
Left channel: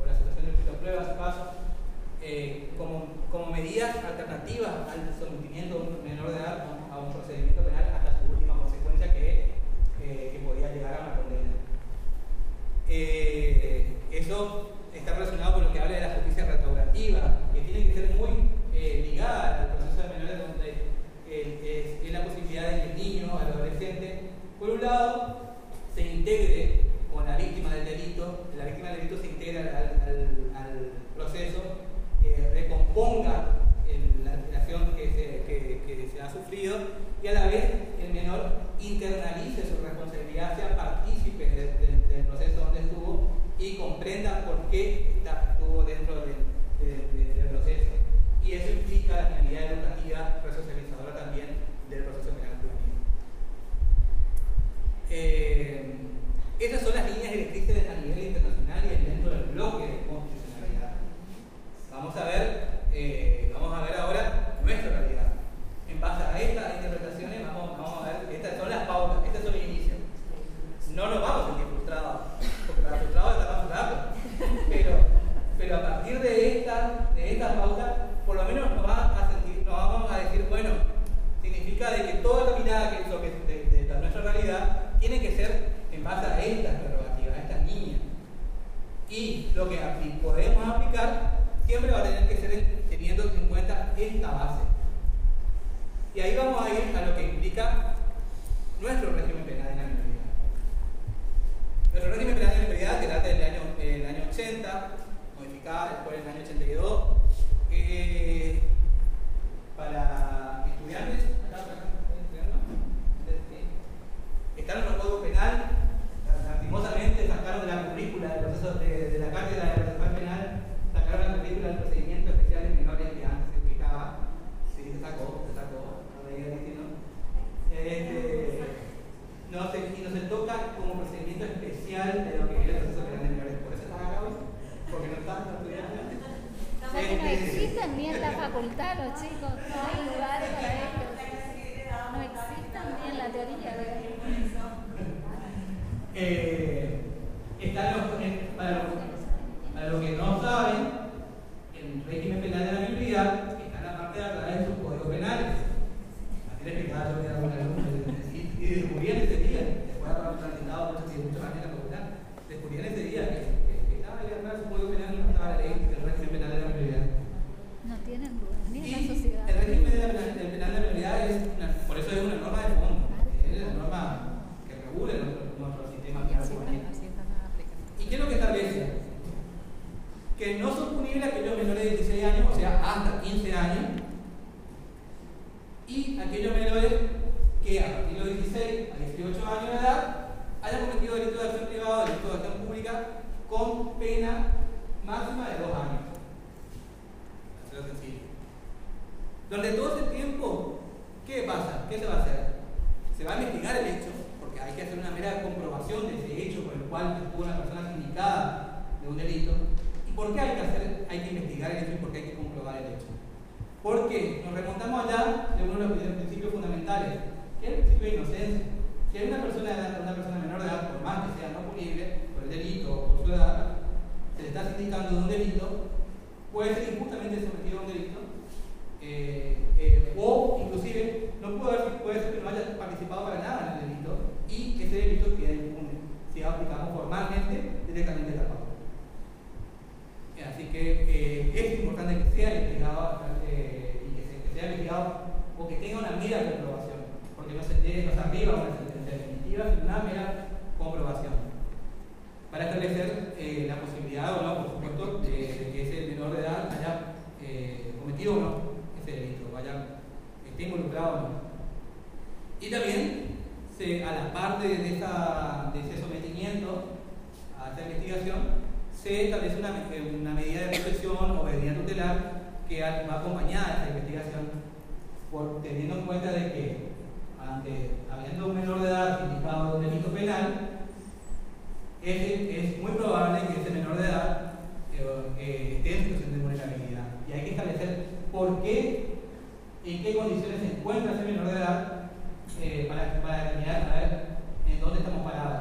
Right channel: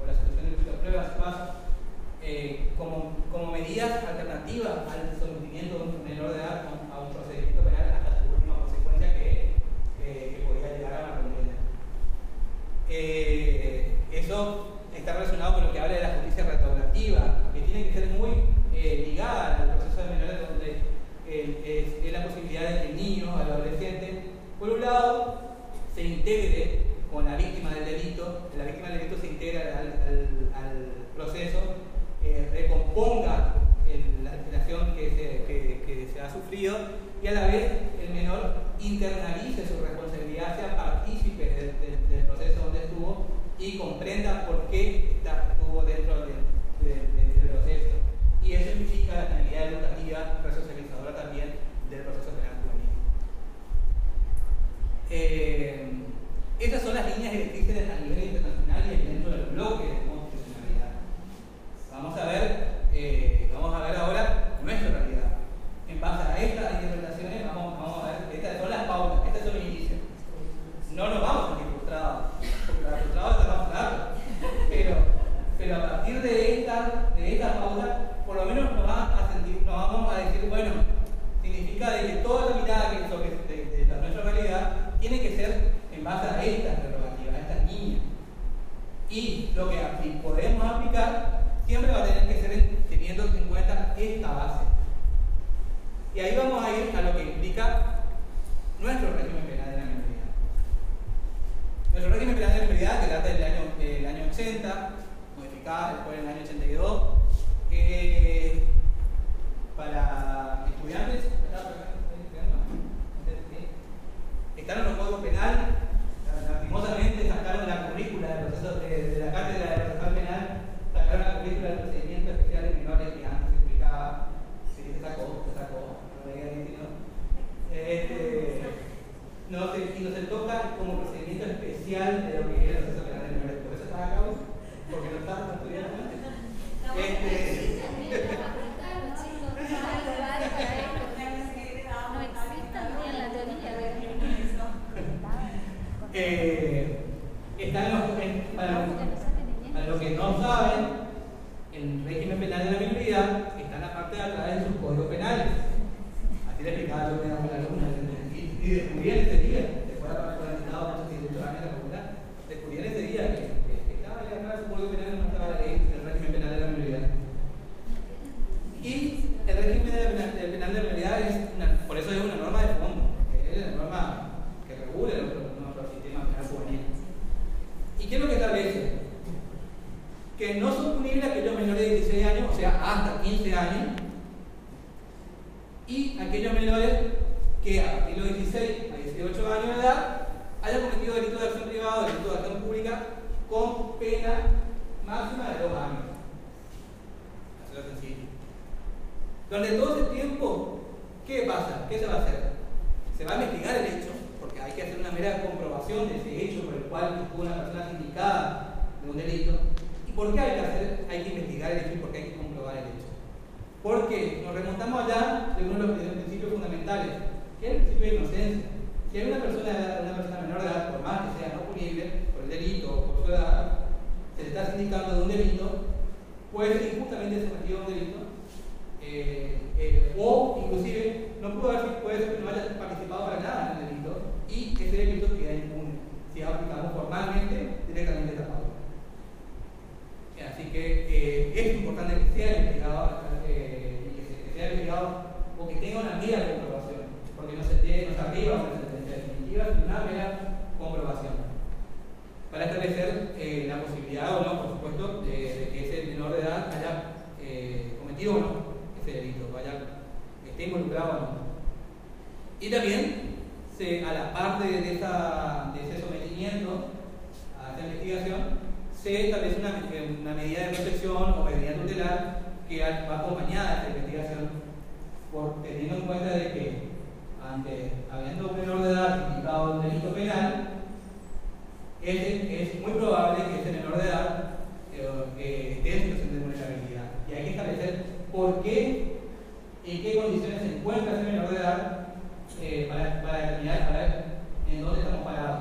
o la situación de pruebas, pasos, como medidas alternativas al sometimiento de un menor de edad a un procedimiento penal hasta su última consecuencia que podría llegar a una condena. Eso está relacionado con lo que habla de la justicia restaurativa, que tiene que ser muy ligada al proceso de menores, donde es la posibilidad de que el niño, el adolescente, por un lado, se integre con la víctima del delito, la víctima del delito se integra al proceso, recomponga la alteración que se ha sufrido, y a la vez el menor internalice su responsabilidad, sea partícipe del proceso donde estuvo y comprenda por qué estuvo dentro del proceso. Y eso implica la finalidad educativa resocializadora también del proceso penal juvenil. Esas son las líneas directrices a nivel internacional y dentro del bloque de constitucionalidad. Vamos a ver ahora nuestra realidad. En base a estas interpretaciones vamos a ver, estas son las pautas, estos son los inicios. No nos vamos a sentir frustrados, porque para frustrados está más claro. Pero a partir de esta pauta, por lo menos nos vamos a decir, bueno, significa de que toda la mirada que hizo de nuestra realidad tiene que ser en base a estas prerrogativas, a estas líneas. Y lo que podemos aplicar siempre va a tener que ser teniendo en cuenta esta base. Y ahí vamos a ir a lo que implica nuestro régimen penal en la minoría. Nuestro régimen penal en la minoría, que data del año 80, modificada después en el año 82, para estudiantes, están en los códigos penal, lastimosamente sacaron de la currícula del proceso de la cátedra de procesal penal, sacaron la currícula del procedimiento especial de menores que antes se explicaba. Sí, se sacó, no veía que no. Y no se toca como procedimiento especial de lo que es el proceso penal de menores. Por eso está acá hoy, porque no estaban estudiando antes. No existen ni en la facultad los chicos, no hay lugar para ellos. No existen ni en la teoría de para los que no saben, el régimen penal de la minoría está en la parte de atrás de sus códigos penales. Así le explicaba yo que era una alumna y descubrí en ese día, después de haber transitado muchos años en la facultad, descubrí en ese día que estaba ahí atrás de su código penal, no estaba la ley del régimen penal de la minoría. Y el régimen penal de la minoría por eso es una norma de fondo, es una norma que regula nuestro sistema penal juvenil. ¿Y qué es lo que establece? Que no son punibles aquellos menores de 16 años, o sea, hasta 15 años, y aquellos menores que a partir de los 16 a 18 años de edad hayan cometido delitos de acción privada o delitos de acción pública con pena máxima de 2 años. Así lo sencillo. Durante todo ese tiempo, ¿qué pasa? ¿Qué se va a hacer? Se va a investigar el hecho, porque hay que hacer una mera comprobación de ese hecho por el cual estuvo una persona sindicada de un delito. ¿Y por qué hay que investigar el hecho y por qué hay que comprobar el hecho? Porque nos remontamos allá de uno de los principios fundamentales, que es el principio de inocencia. Si hay una persona menor de edad, por más que sea no punible por el delito o por su edad, se le está sindicando de un delito, puede ser injustamente sometido a un delito, o inclusive puede ser que no haya participado para nada en el delito y ese delito queda impune si aplicamos formalmente directamente esta pauta. Así que es importante que sea investigado que sea investigado o que tenga una mera comprobación, porque no se arriba una sentencia definitiva, sino una mera comprobación para establecer la posibilidad o no, por supuesto, de que ese menor de edad haya cometido o no ese delito, esté involucrado o no. Y también, a la parte de ese sometimiento a esta investigación, se establece una medida de protección o medida tutelar que va acompañada de esta investigación, teniendo en cuenta de que, habiendo un menor de edad indicado de un delito penal, es muy probable que ese menor de edad esté en situación de vulnerabilidad. Y hay que establecer por qué, en qué condiciones se encuentra ese menor de edad para determinar a ver en dónde estamos parados.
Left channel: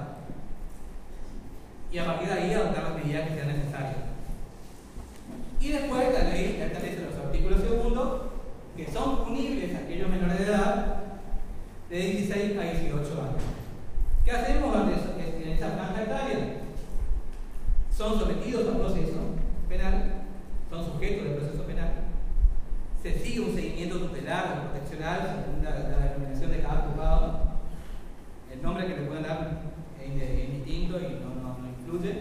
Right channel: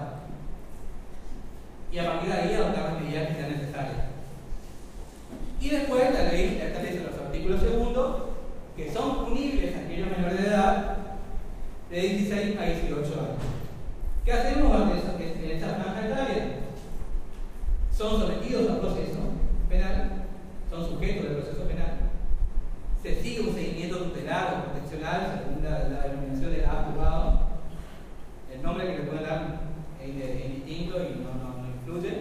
Y a partir de ahí adoptar las medidas que sean necesarias. Y después la ley establece los artículos segundos que son punibles a aquellos menores de edad de 16 a 18 años. ¿Qué hacemos en esa franja etaria? Son sometidos a proceso penal, son sujetos del proceso penal, se sigue un seguimiento tutelar o proteccional según la denominación de cada juzgado. El nombre que le puedan dar es indistinto y no influye.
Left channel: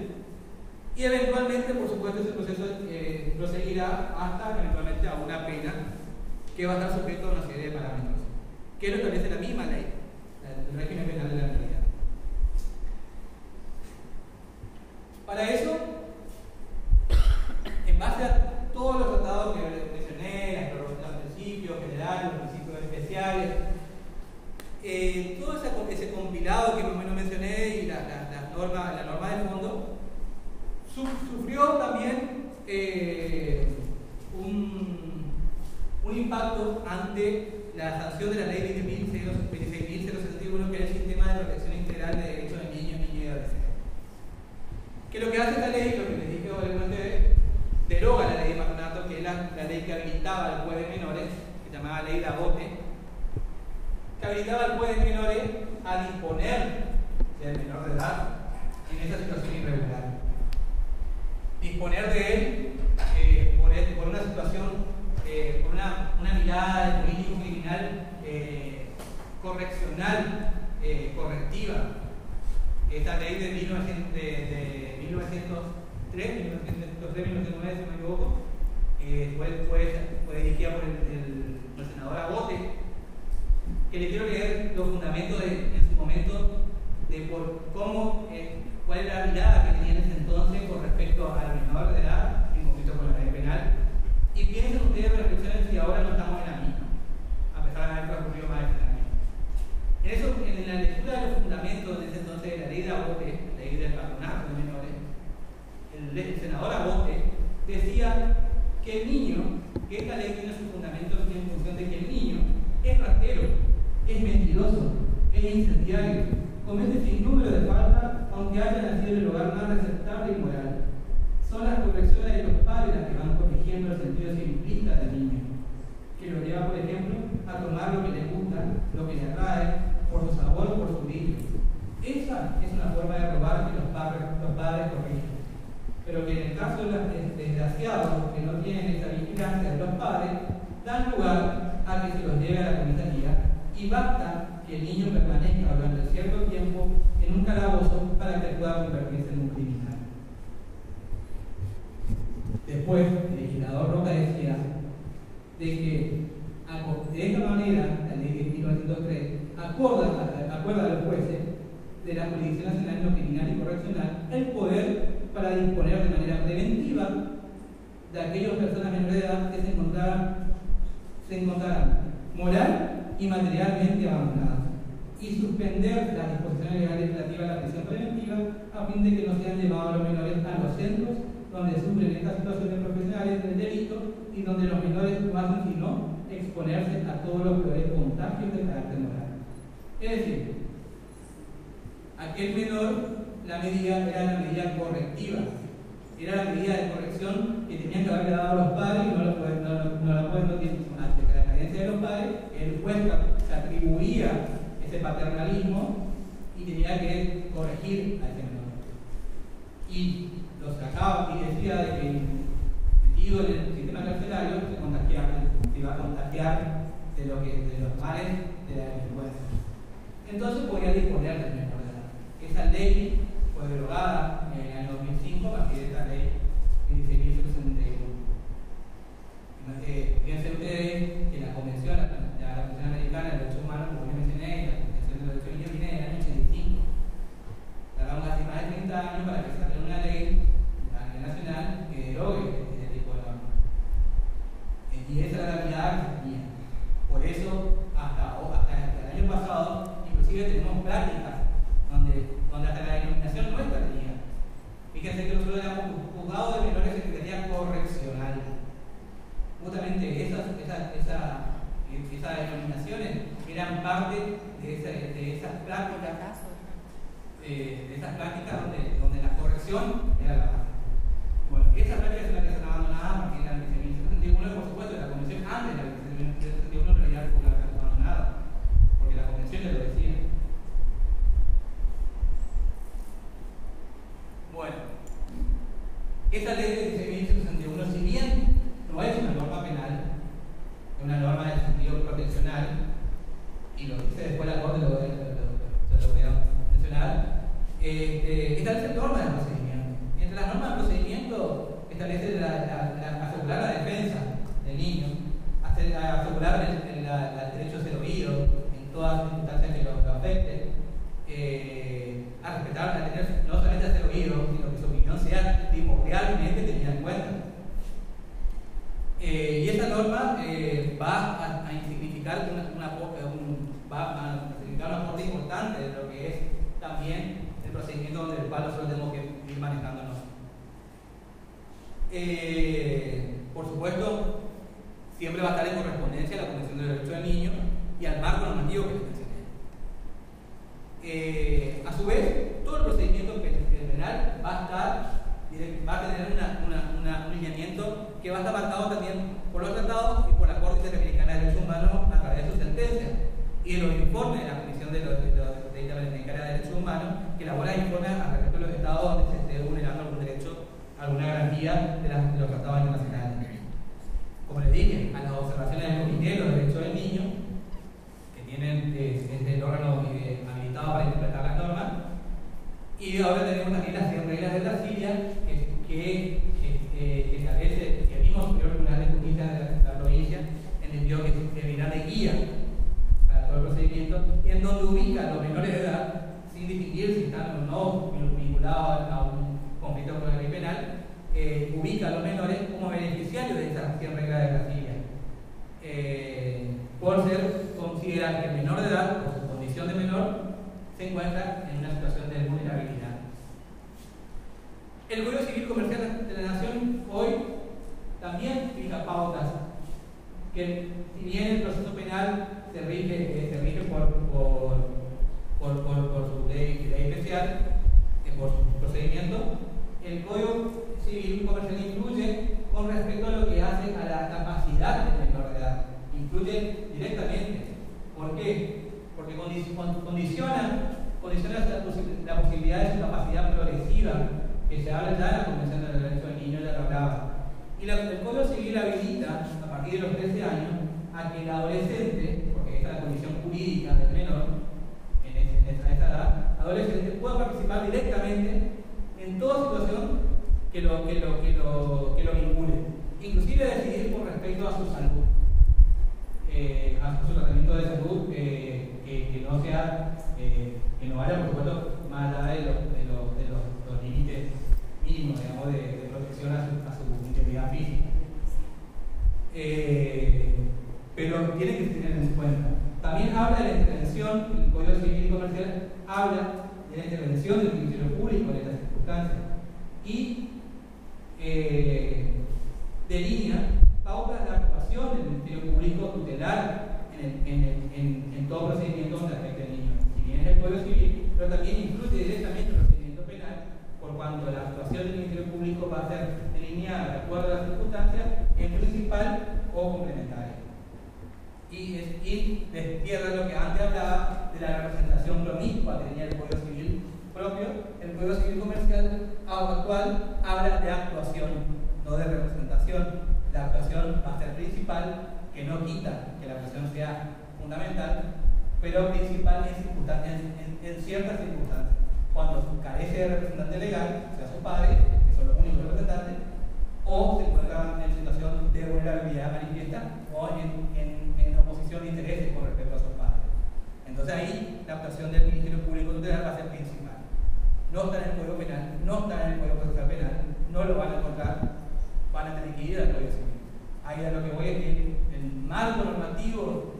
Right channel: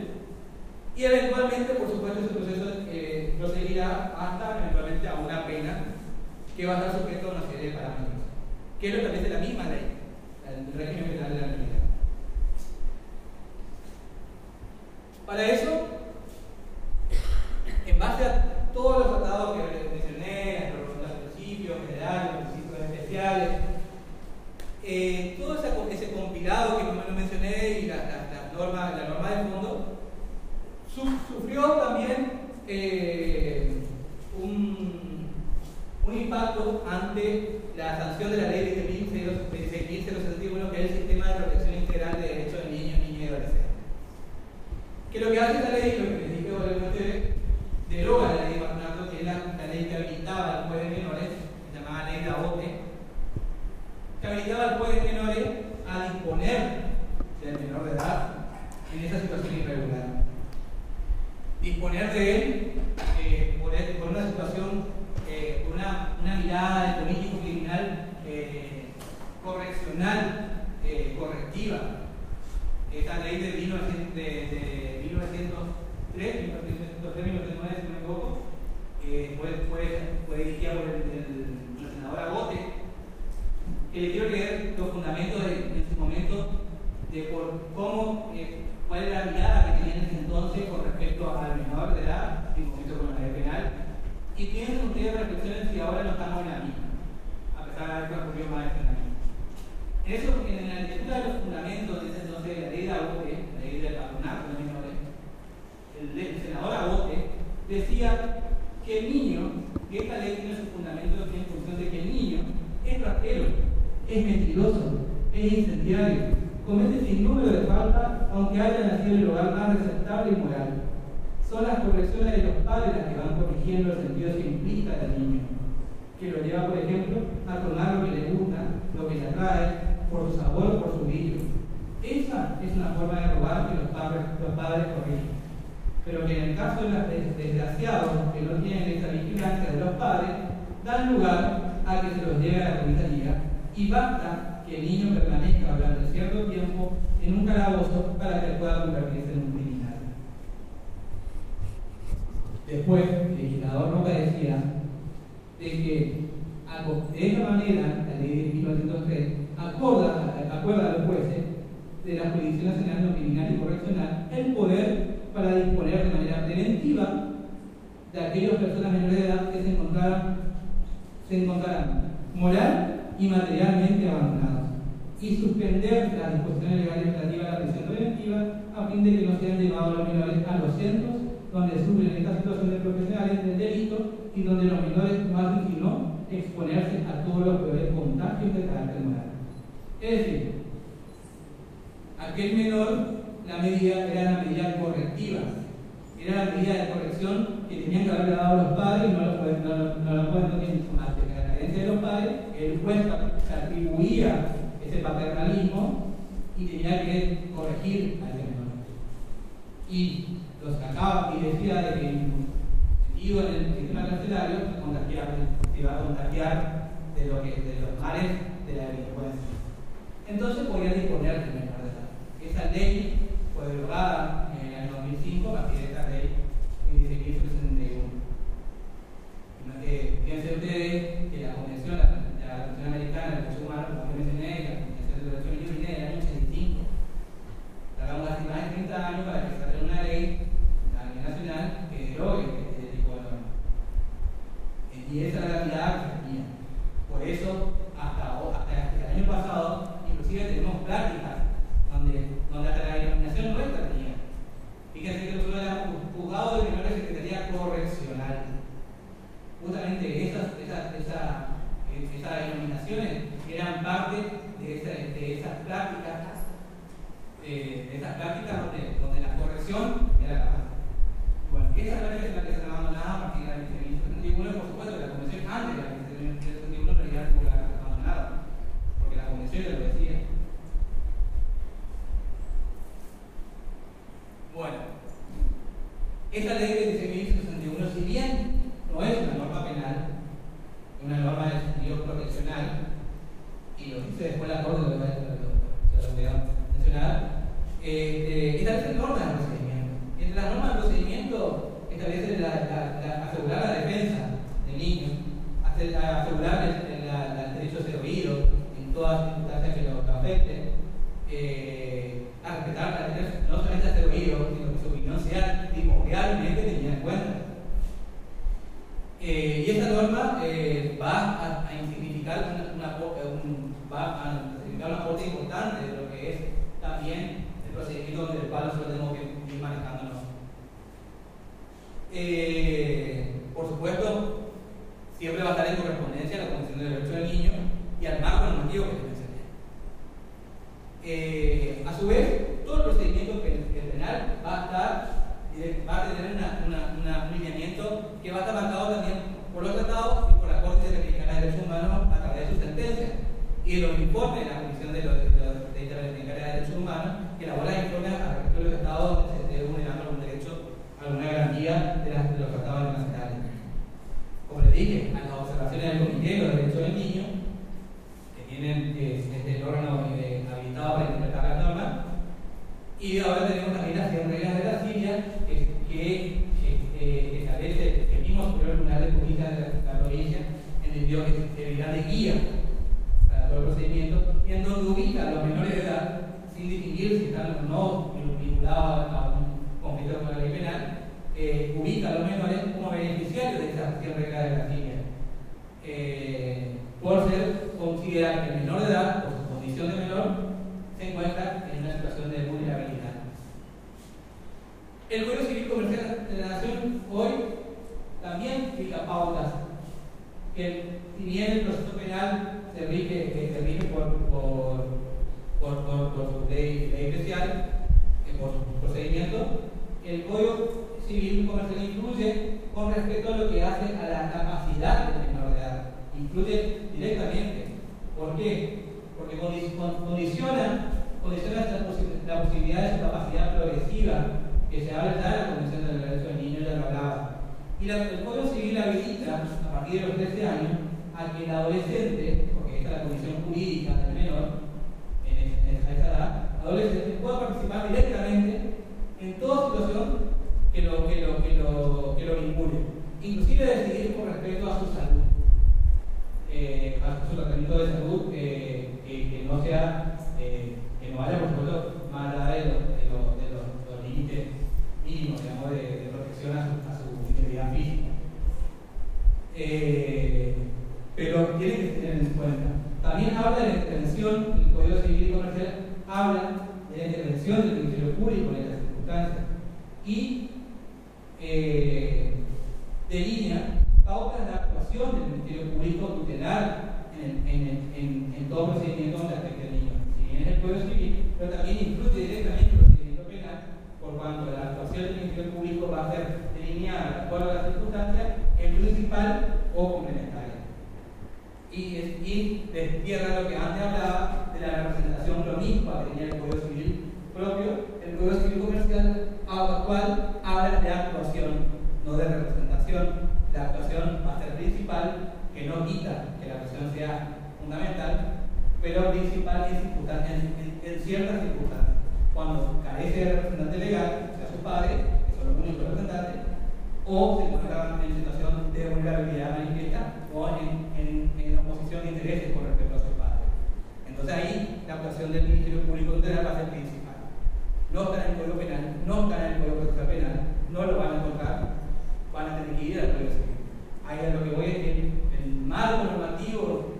Y eventualmente, por supuesto, ese proceso proseguirá hasta eventualmente a una pena que va a estar sujeto a una serie de parámetros, que lo establece la misma ley, el régimen penal de la mentalidad. Para eso, en base a todos los tratados que mencioné, los principios generales, los principios especiales, todo ese compilado que más o menos mencioné y la norma de fondo, sufrió también un impacto ante la sanción de la ley 26.061, que es el Sistema de Protección Integral de Derechos de Niños, Niñas y Adolescentes. Que lo que hace esta ley, lo que les dije brevemente, deroga la ley de patronato, que es la ley que habilitaba al juez de menores, que se llamaba ley de la OTE, que habilitaba al juez de menores a disponer del menor de edad en esa situación irregular. Disponer de él por una situación, por una mirada de político criminal correccional, correctiva. Esta ley de 1903, 1909, si no me equivoco, fue dirigida por el senador Agote, que le quiero leer los fundamentos en su momento de cuál era la mirada que tenía en ese entonces con respecto al menor de edad, en conflicto con la ley penal, y piensen ustedes, reflexionen si ahora no estamos en la misma, a pesar de haber transcurrido más de 100 años. En la lectura de los fundamentos de ese entonces de la ley de Agote, la ley del patronato de menores, el senador Agote decía que el niño, que esta ley tiene sus fundamentos en función de que el niño es ratero, es mentiroso, es incendiario, comete sin número de faltas, aunque haya nacido en el hogar más aceptable y moral. Son las correcciones de los padres las que van corrigiendo el sentido simplista del niño, que lo lleva, por ejemplo, a tomar lo que le gusta, lo que le atrae, por su sabor o por su brillo. Esa es una forma de robar que los padres corrigen. Pero que en el caso de los desgraciados que no tienen esa vigilancia de los padres, dan lugar a que se los lleve a la comisaría y basta que el niño permanezca durante cierto tiempo en un calabozo para que pueda convertirse en un criminal. Después, el legislador Roca decía de que de esta manera la ley de 1903 acuerda a los jueces de la Jurisdicción Nacional no Criminal y Correccional el poder para disponer de manera preventiva de aquellas personas menores de edad que se encontrarán moral y materialmente abandonados, y suspender las disposiciones legales relativas a la prisión preventiva a fin de que no sean llevados los menores a los centros donde sufren estas situaciones profesionales del delito y donde los menores no hacen sino exponerse a todos los peores contagios de carácter moral. Es decir, aquel menor, la medida era la medida correctiva, era la medida de corrección que tenían que haberle dado a los padres y no lo pueden, ante la carencia de los padres, el juez se atribuía ese paternalismo y tenía que corregir a ese menor. Y lo sacaba y decía de que metido en el sistema carcelario se iba a contagiar de los males de la delincuencia. Entonces podía disponer del menor de edad. Esa ley fue derogada en el año 2005 a partir de esta ley 16.061. Fíjense ustedes que la Convención Americana de Derechos Humanos, como yo mencioné, la Convención de Derechos Humanos viene del año 85. Tardamos casi más de 30 años para que salga una ley a nivel nacional que derogue este tipo de normas. Y esa era la mirada que se tenía. Por eso, hasta el año pasado, inclusive tenemos prácticas donde hasta la denominación nuestra tenía. Fíjense que nosotros éramos juzgados de menores de Secretaría Correccional. Justamente esas denominaciones eran parte de esas prácticas donde la corrección era la base. Bueno, esas prácticas son las que se han abandonado a partir del 1771, por supuesto, la convención antes de la 1771 en realidad fue la que se abandonado, porque la convención ya lo decía. Bueno, esta ley de 1661, si bien no es una norma penal, es una norma de sentido proteccional, y lo dice después la Corte de la Nacional, establece normas de procedimiento. Y entre las normas de procedimiento establece asegurar la defensa del niño, asegurar el derecho a ser oído en todas circunstancias que lo afecten, a respetar, no solamente a ser oído, sino que su opinión sea primordialmente tenida en cuenta. Y esa norma va a significar un aporte importante de lo que es también el procedimiento donde el cual nosotros tenemos que ir manejándonos. Por supuesto, siempre va a estar en correspondencia a la Convención de Derechos del Niño y al marco normativo que les mencioné. A su vez, todo el procedimiento penal va a tener un lineamiento que va a estar marcado también por los tratados y por la Corte Interamericana de Derechos Humanos a través de sus sentencias y de los informes de la Comisión de Interamericana de Derechos Humanos que elabora informes al respecto de los estados donde se esté vulnerando algún derecho, alguna garantía de los tratados internacionales. Como les dije, a las observaciones del Comité de los Derechos del Niño, que tienen el órgano habilitado para interpretar las normas, y ahora tenemos también las 100 reglas de Brasilia que establece el mismo Superior Tribunal de Justicia de la provincia, entendió que servirá de guía para todo el procedimiento, y en donde ubica a los menores de edad, sin distinguir si están o no vinculados a un conflicto con la ley penal, ubica a los menores como beneficiarios de esas 100 reglas de Brasilia. Por ser considerar que el menor de edad, por su condición de menor, se encuentra en una situación de vulnerabilidad. El Código Civil Comercial de la Nación hoy también fija pautas que, si bien el proceso penal se rige por su ley especial, por su procedimiento, el Código Civil Comercial incluye con respecto a lo que hace a la capacidad del menor de edad. Incluye directamente. ¿Por qué? Porque condiciona la posibilidad de su capacidad progresiva, que se habla ya en la Convención de Derechos del Niño, ya lo hablaba. Y el Código Civil habilita, a partir de los 13 años, a que el adolescente, porque esta es la condición jurídica del menor, a esa edad, adolescente pueda participar directamente en toda situación que lo vincule, inclusive decidir con respecto a su salud, a su tratamiento de salud, que no sea, que no vaya, por supuesto, más allá de los límites mínimos, digamos, de protección a su integridad física. Pero tiene que tener en cuenta. También habla de la intervención, el Código Civil y Comercial habla de la intervención del Ministerio Público en estas circunstancias. Y Público tutelar en todo procedimiento donde afecte al niño. Si bien es el Código Civil, pero también incluye directamente el procedimiento penal, por cuanto la actuación del Ministerio Público va a ser delineada de acuerdo a las circunstancias en principal o complementaria. Y destierra lo que antes hablaba de la representación promiscua que tenía el Código Civil propio. El Código Civil Comercial actual habla de actuación, no de representación. La actuación va a ser principal, que no quita que la actuación sea fundamental, pero principal en ciertas circunstancias. Cuando carece de representante legal, sea su padre, que son los únicos representantes, o se encuentra en situación de vulnerabilidad manifiesta o en oposición de intereses con respecto a sus padres. Entonces ahí la actuación del Ministerio Público tutelar va a ser principal. No está en el Código Penal, no está en el Código Procesal Penal, no lo van a encontrar, van a tener que ir al Código Civil. Ahí a lo que voy es que el marco normativo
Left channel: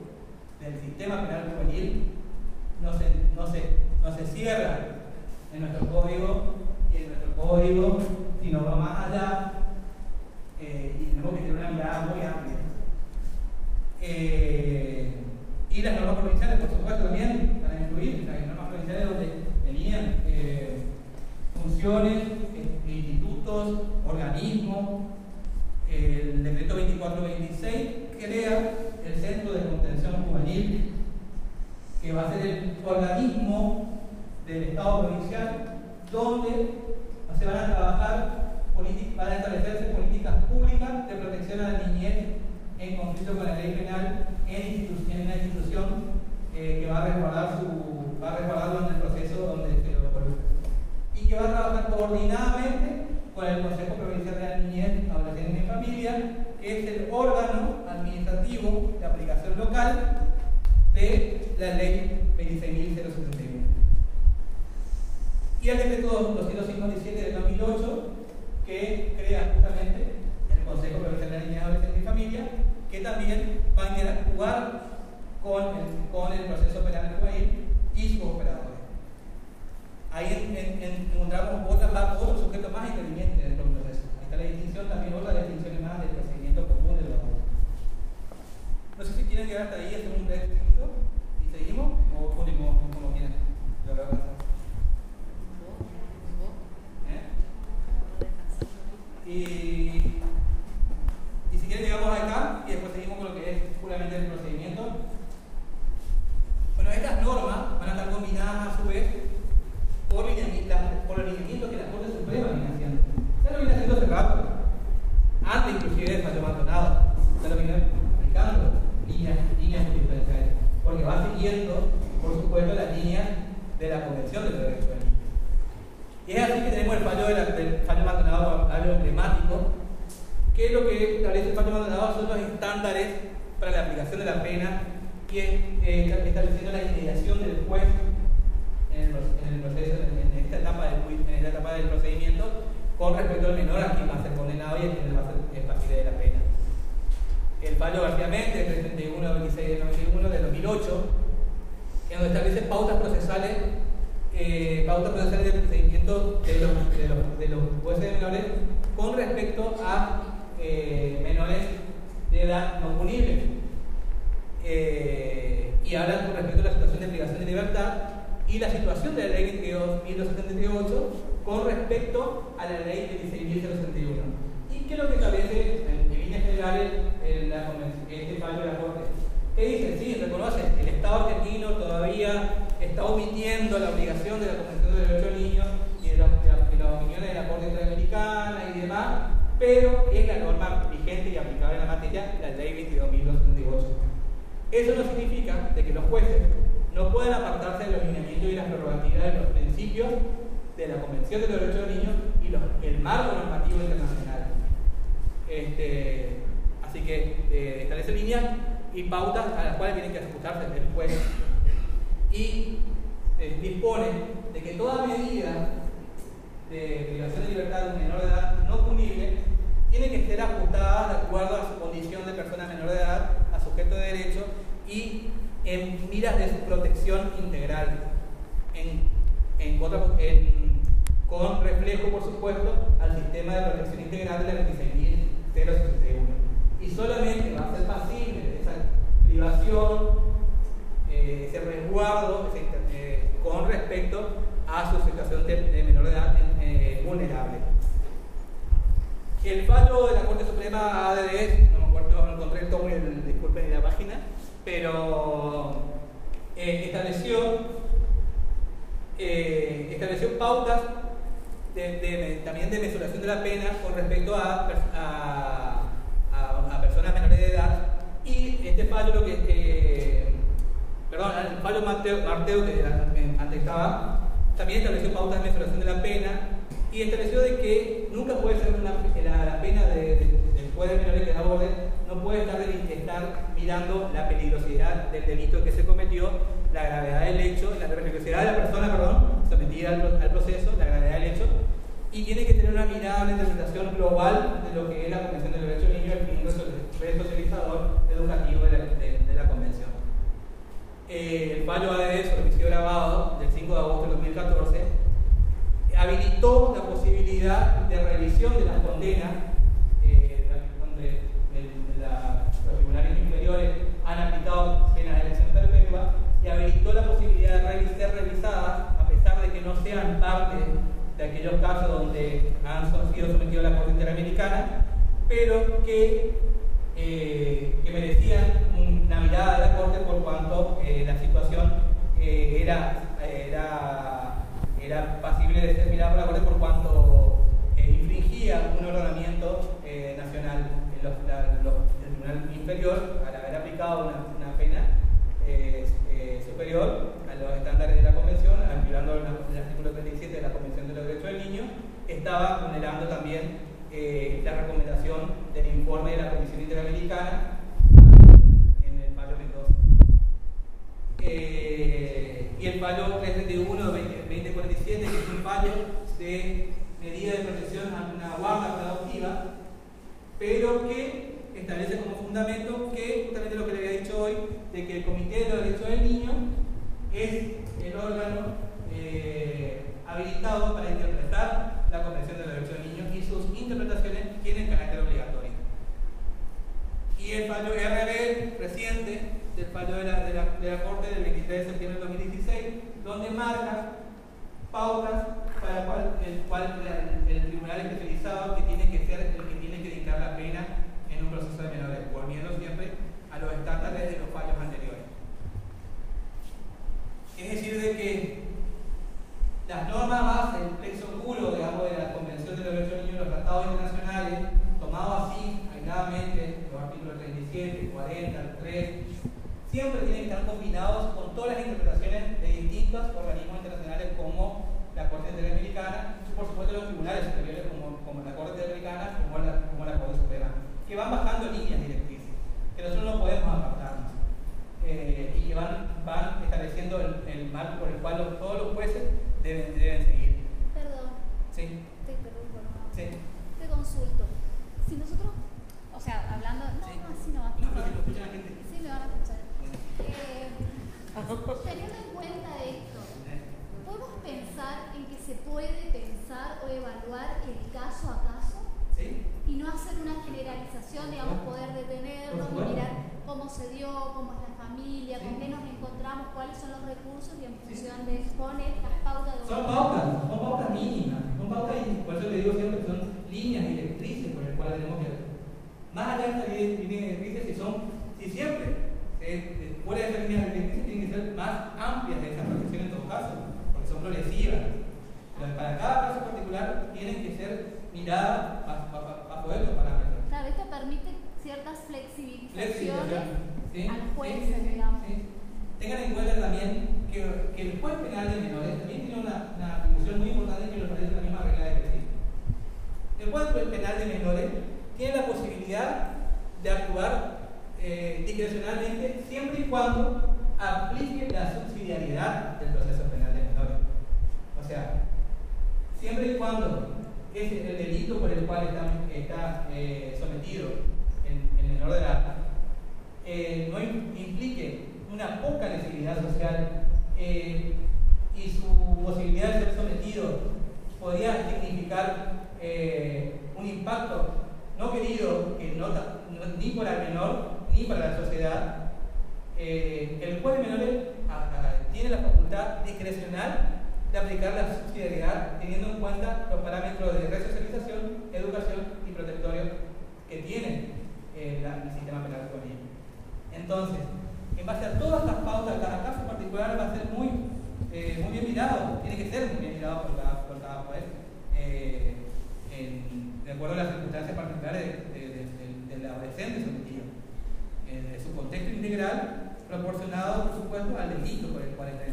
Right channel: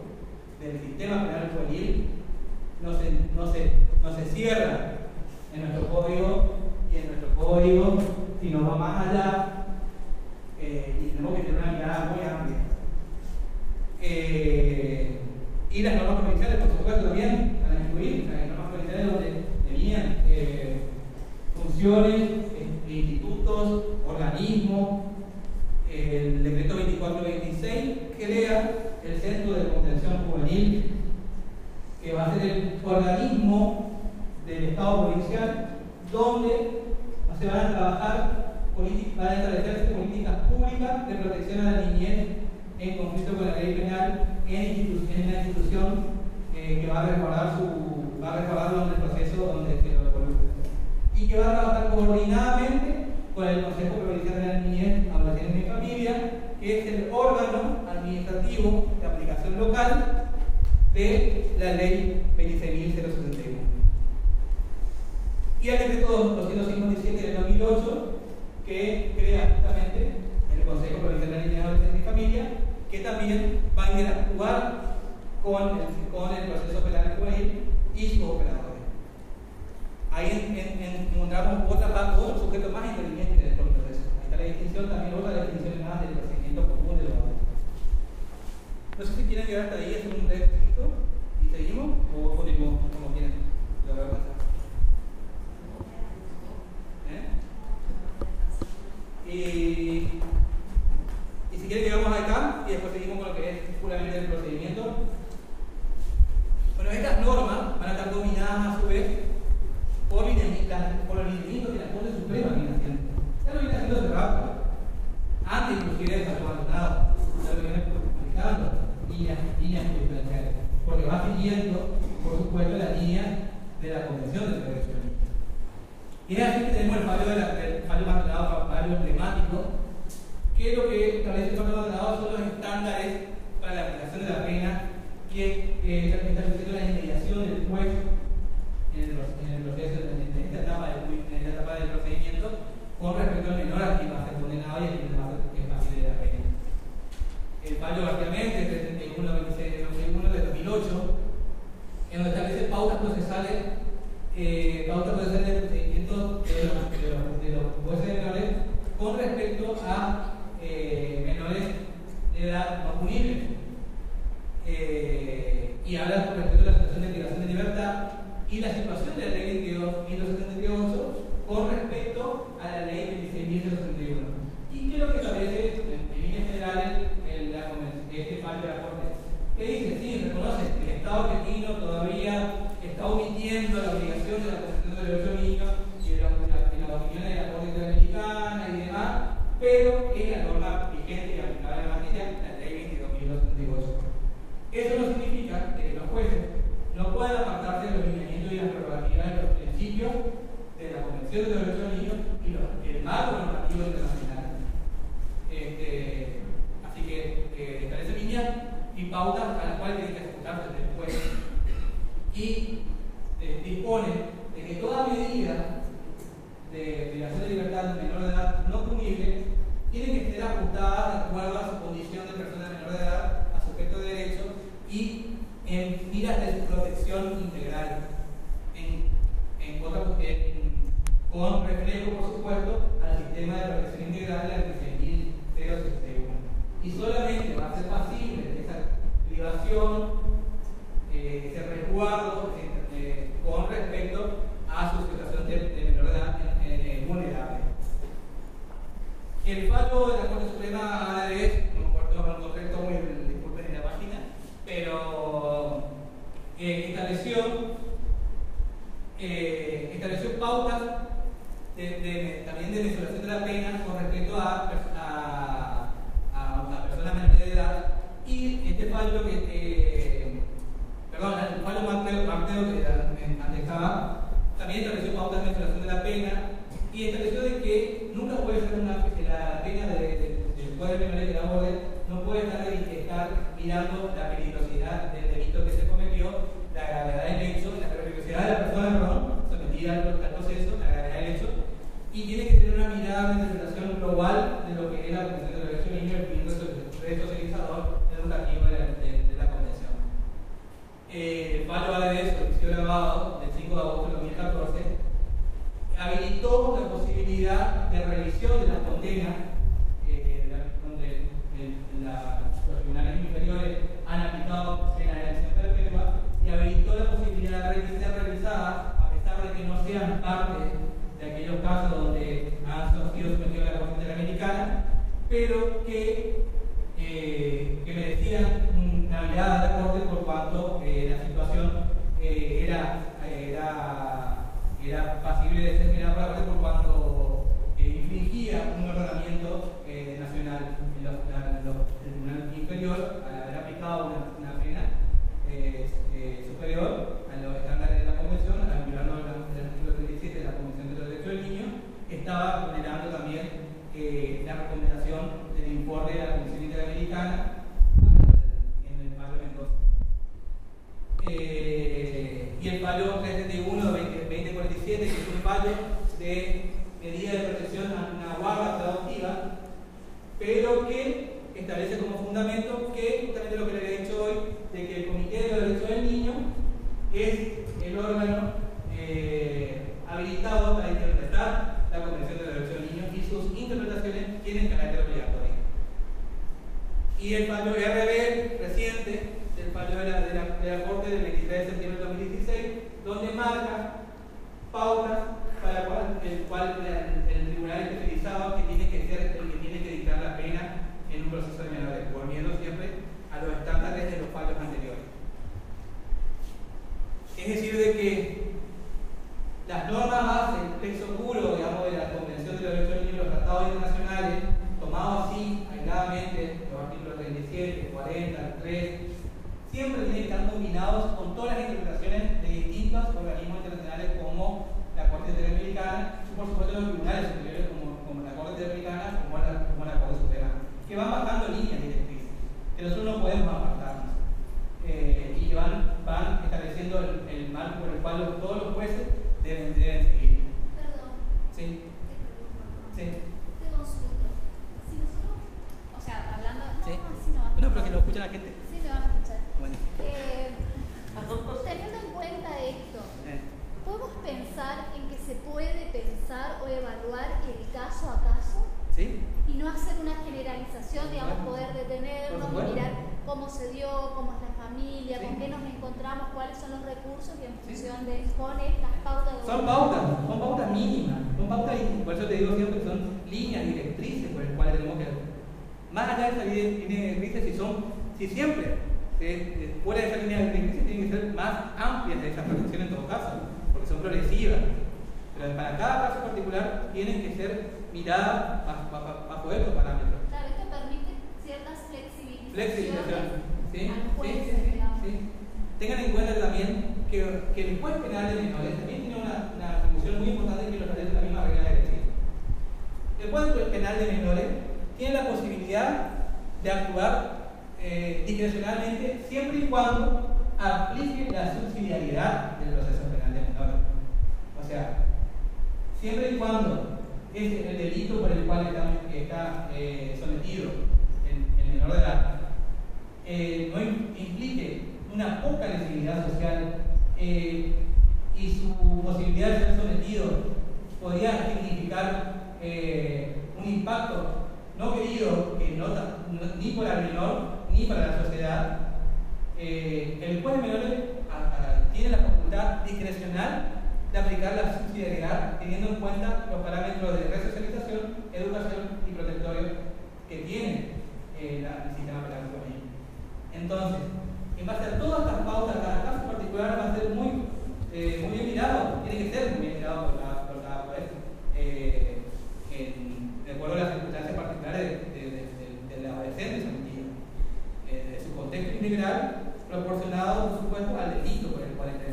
del sistema penal juvenil no se cierra en nuestro código sino va más allá, y tenemos que tener una mirada muy amplia. Y las normas provinciales, por supuesto, también van a incluir las normas provinciales donde tenían funciones, institutos, organismos. El decreto 2426 crea el Centro de Contención Juvenil, que va a ser el organismo del Estado provincial donde se van a trabajar, van a establecerse políticas públicas de protección a la niñez en conflicto con la ley penal en una institución que va a resguardarlo en el proceso donde se lo coloque, y que va a trabajar coordinadamente con el Consejo Provincial de la Niñez, Adolescencia y Familia, que es el órgano administrativo de aplicación local de la ley 26.061. Y el decreto 257 del 2008, que crea justamente el Consejo Provincial de la Niñez, Adolescencia y Familia, que también va a interactuar con el proceso penal juvenil y sus operadores. Ahí encontramos otro sujeto más interviniente dentro del proceso. Ahí está la distinción, también otra definición más del procedimiento común de los adultos. No sé si quieren llegar hasta ahí, hacer un breve texto y seguimos, o continuamos como quieran. Lo voy a pasar. Y si quieren llegamos acá y después seguimos con lo que es puramente el procedimiento. Bueno, estas normas van a estar dominadas a su vez por los lineamientos que la Corte Suprema viene haciendo. Ya lo viene haciendo hace rato, antes inclusive de Fallo Maldonado, ya lo viene aplicando líneas jurisprudenciales, porque va siguiendo, por supuesto, la línea de la Convención de Derechos del Niño. Y es así que tenemos el fallo del Fallo Maldonado, fallo emblemático, que lo que establece el Fallo Maldonado son los estándares para la aplicación de la pena y estableciendo la inmediación del juez en el proceso, en esta etapa del procedimiento, con respecto al menor a quien va a ser condenado y a quien va a ser pasible de la pena. El fallo García Méndez, 31 de 2008, en donde establece pautas procesales de procedimiento de los jueces menores con respecto a menores de edad no punibles. Y habla con respecto a la situación de privación de libertad y la situación de la ley 22.278 con respecto a la ley 26.061. ¿Y qué es lo que establece en líneas generales este fallo de la Corte? Que dice, sí, reconoce que el Estado argentino todavía está omitiendo la obligación de la Convención de Derechos del Niño y de las opiniones de la Corte Interamericana y demás, pero es la norma vigente y aplicable en la materia, la ley 22.278. Eso no significa de que los jueces no puedan apartarse de los lineamientos y las prerrogativas de los principios de la Convención de Derechos del Niño y el marco normativo internacional. Así que establece líneas y pautas a las cuales tienen que ejecutarse el juez, y dispone de que toda medida de privación de libertad de un menor de edad no punible tiene que ser ajustada de acuerdo a su condición de persona menor de edad, a sujeto de derecho y en miras de su protección integral, con reflejo, por supuesto, al sistema de protección integral de la 26.061. Y solamente va a ser pasible de esa protección, ese resguardo con respecto a su situación de menor de edad vulnerable. El fallo de la Corte Suprema habla de, no me acuerdo, no encontré todo disculpen en la página, pero estableció pautas también de mesuración de la pena con respecto a personas menores de edad, y este fallo el fallo Marteo que antes estaba, también estableció pautas de mesuración de la pena y estableció de que nunca puede ser la pena del juez de menores de edad no puede estar mirando la peligrosidad del delito que se cometió, la gravedad del hecho, la peligrosidad de la persona, sometida al proceso, la gravedad del hecho, y tiene que tener una mirada de interpretación global de lo que es la Convención de los Derechos del Niño, definiendo el resocializador educativo de la Convención. El fallo ADS, juicio grabado del 5 de agosto de 2014, habilitó la posibilidad de revisión de la condena, donde los tribunales inferiores han aplicado pena de elección perpetua, y habilitó la posibilidad de ser revisadas, a pesar de que no sean parte de aquellos casos donde han sido sometidos a la Corte Interamericana, pero que merecían una mirada de la Corte por cuanto la situación era pasible de ser mirada por la Corte por cuanto infringía un ordenamiento nacional en el tribunal inferior al haber aplicado una pena superior a los estándares de la Convención, al violar el artículo 37 de la Convención de los Derechos del Niño, estaba vulnerando también la recomendación del informe de la Comisión Interamericana en el fallo Mendoza. Y el fallo 371-2047, que es un fallo de medida de protección a una guarda productiva, pero que establece como fundamento que, justamente lo que le había dicho hoy, de que el Comité de los Derechos del Niño es el órgano habilitado para interpretar la Convención de los Derechos del Niño, y sus interpretaciones tienen carácter obligatorio. Y el fallo RB reciente, del fallo de la Corte del 23 de septiembre de 2016, donde marca pautas para el tribunal especializado que tiene que ser el que tiene que dictar la pena en un proceso de menores, volviendo siempre a los estándares de los fallos anteriores. Es decir, de que las normas base, el plexo puro, digamos, de la Convención de los Derechos del Niño y los tratados internacionales, tomados así, aisladamente, los artículos 37, 40, 3, siempre tienen que estar combinados con todas las interpretaciones de distintos organismos internacionales como la Corte Interamericana y, por supuesto, los tribunales superiores como la Corte Interamericana, como la Corte Suprema, que van bajando líneas directrices, que nosotros no podemos apartarnos, y que van estableciendo el marco por el cual todos los jueces deben seguir. Perdón. Sí. Sí. Te consulto. Si nosotros, o sea, hablando, no, sí. Así no va a No, pero que lo escucha la gente. Sí, me van a escuchar. Bueno. Teniendo en cuenta esto, ¿podemos pensar en que se puede pensar o evaluar el caso a caso? ¿Sí? Y no hacer una generalización, digamos, poder detenernos y mirar cómo se dio, cómo es la familia, con qué nos encontramos, cuáles son los recursos, y en función de con estas pautas de son pautas mínimas, son pautas, por eso te digo siempre que son líneas directrices por las cuales tenemos que, más allá de esas líneas directrices, si siempre fuera de esas líneas directrices tienen que ser más amplias de esa protección en todo caso, porque son progresivas, pero para cada caso particular tienen que ser miradas bajo estos parámetros. Claro, esto permite ciertas flexibilizaciones ¿sí? a los jueces, sí. digamos. Sí. Tengan en cuenta también que el juez penal de menores también tiene una atribución muy importante que lo establece la misma regla de ejercicio. El juez penal de menores tiene la posibilidad de actuar discrecionalmente siempre y cuando aplique la subsidiariedad del proceso penal de menores. O sea, siempre y cuando el delito por el cual está sometido el menor de edad no implique una poca necesidad social y su posibilidad de ser sometido podría significar un impacto no querido ni para el menor ni para la sociedad, el juez de menores tiene la facultad discrecional de aplicar la subsidiariedad teniendo en cuenta los parámetros de resocialización, educación y protectorio que tiene el sistema penal juvenil. Entonces, en base a todas estas pautas, cada caso particular va a ser muy bien mirado, tiene que ser muy bien mirado por cada juez, de acuerdo a las circunstancias particulares del adolescente sometido, de su contexto integral, proporcionado, por supuesto, al delito por el cual está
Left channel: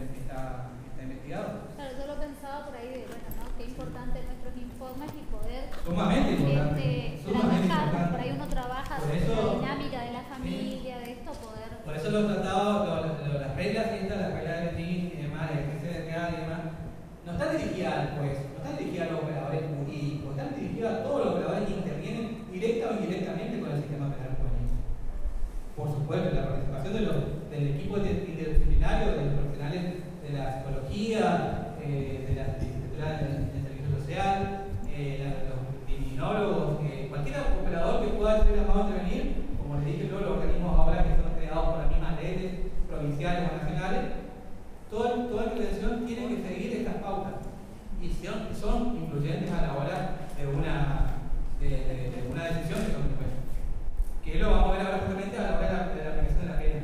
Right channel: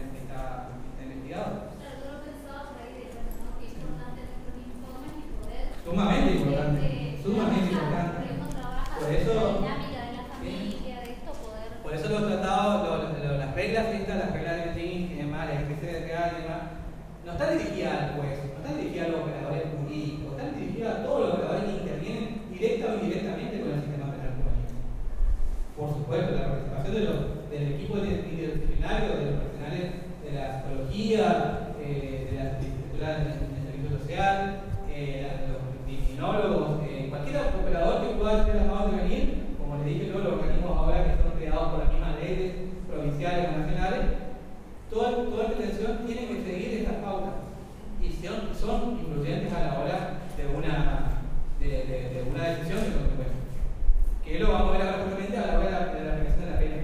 investigado. Claro, yo lo he pensado por ahí, ¿no? Que es importante nuestros informes y poder. Sumamente importante. Sumamente trabajar, importante. por ahí uno trabaja Por sobre eso, la dinámica de la familia, de esto, poder. Por eso los tratados, las reglas estas, las reglas de Betín y demás, las SDK y demás, no están dirigidas al juez, no están dirigidas a los operadores jurídicos, están dirigidas a todos los operadores que intervienen directa o indirectamente con el sistema penal juvenil. Por supuesto, la participación del equipo interdisciplinario, de los profesionales de la psicología, de la licenciatura en el servicio social, los criminólogos, cualquier operador que pueda ser llamado a intervenir, como les dije yo, los organismos ahora que son creados por las mismas leyes provinciales o nacionales, toda intervención tiene que seguir estas pautas y son influyentes a la hora de una decisión de consecuencia. Que lo vamos a ver ahora justamente a la hora de la aplicación de la pena.